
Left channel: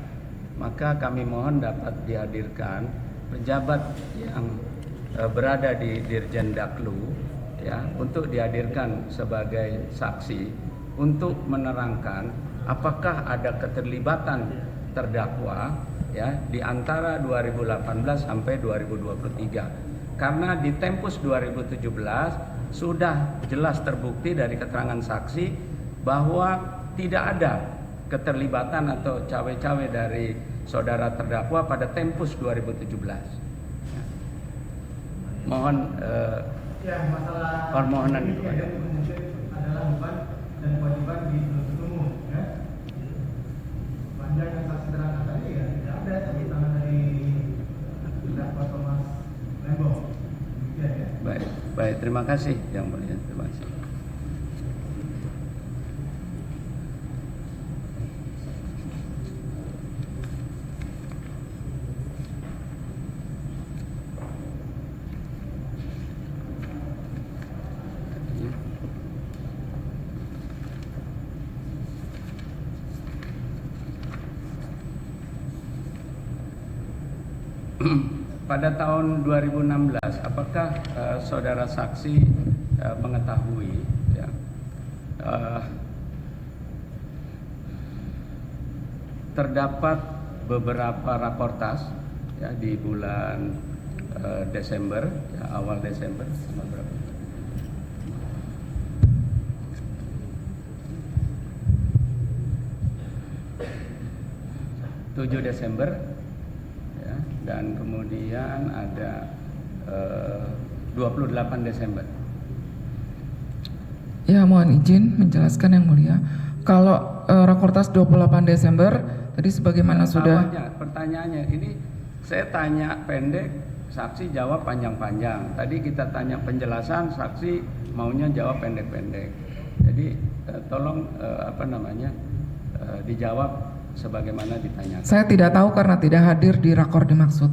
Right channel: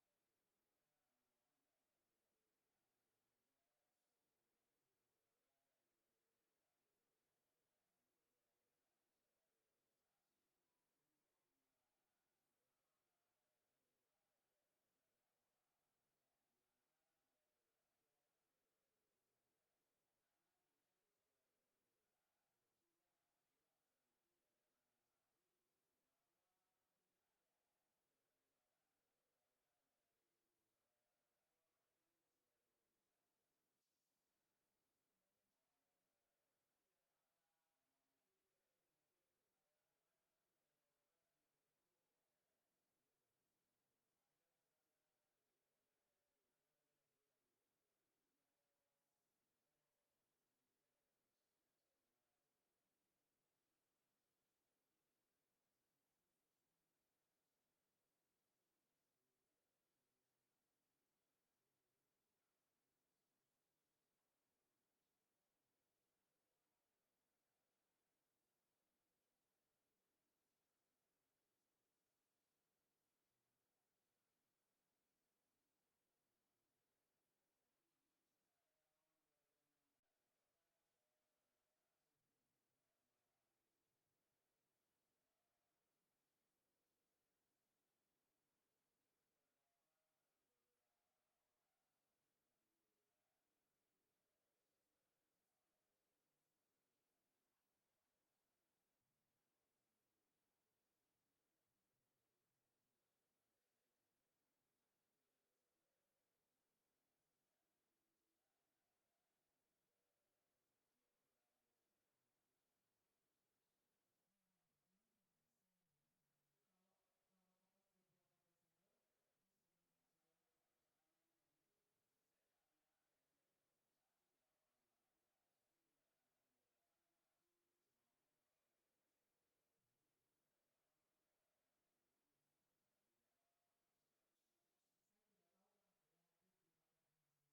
maka kami mohon dapat dihadirkan pejabat yang berada di Dirjen Daklu ya untuk dihadirkan sebagai saksi untuk menerangkan apakah ada keterlibatan terdakwa ya di antara 2018 sampai 2023. Karena di tempus 2017 sudah jelas terbukti dari keterangan saksi bahwa tidak ada keterlibatan atau cawe-cawe dari saudara terdakwa pada tempus 2017. Ya. Mohon permohonan itu ada. Adalah beban dan kewajiban di penuntut umum, ya. Panjang yang saksi terangkan tadi ya tidak ada campur tangan dari terdakwa Thomas Lembong. Demikian ya. Baik, terima kasih yang mulia. Terima kasih. Pada tahun 2016, apakah saudara saksi mengetahui ya, terdapat beberapa raportas ya di bulan Desember, ya, awal Desember, tanggal berapa? ...7 Desember, ya, dan kemudian ada 28 Desember. Ya, mohon izin menjelaskan Yang Mulia. Kalau Rakortas 28 Desember tadi sebagaimana sudah Awalnya, pertanyaannya ini saya tanya pendek, saksi jawab panjang-panjang. Tadi kita tanya penjelasan, saksi maunya jawab pendek-pendek. Jadi tolong dijawab sebagaimana ditanyakan. saya tidak tahu karena tidak hadir di rakor dimaksud.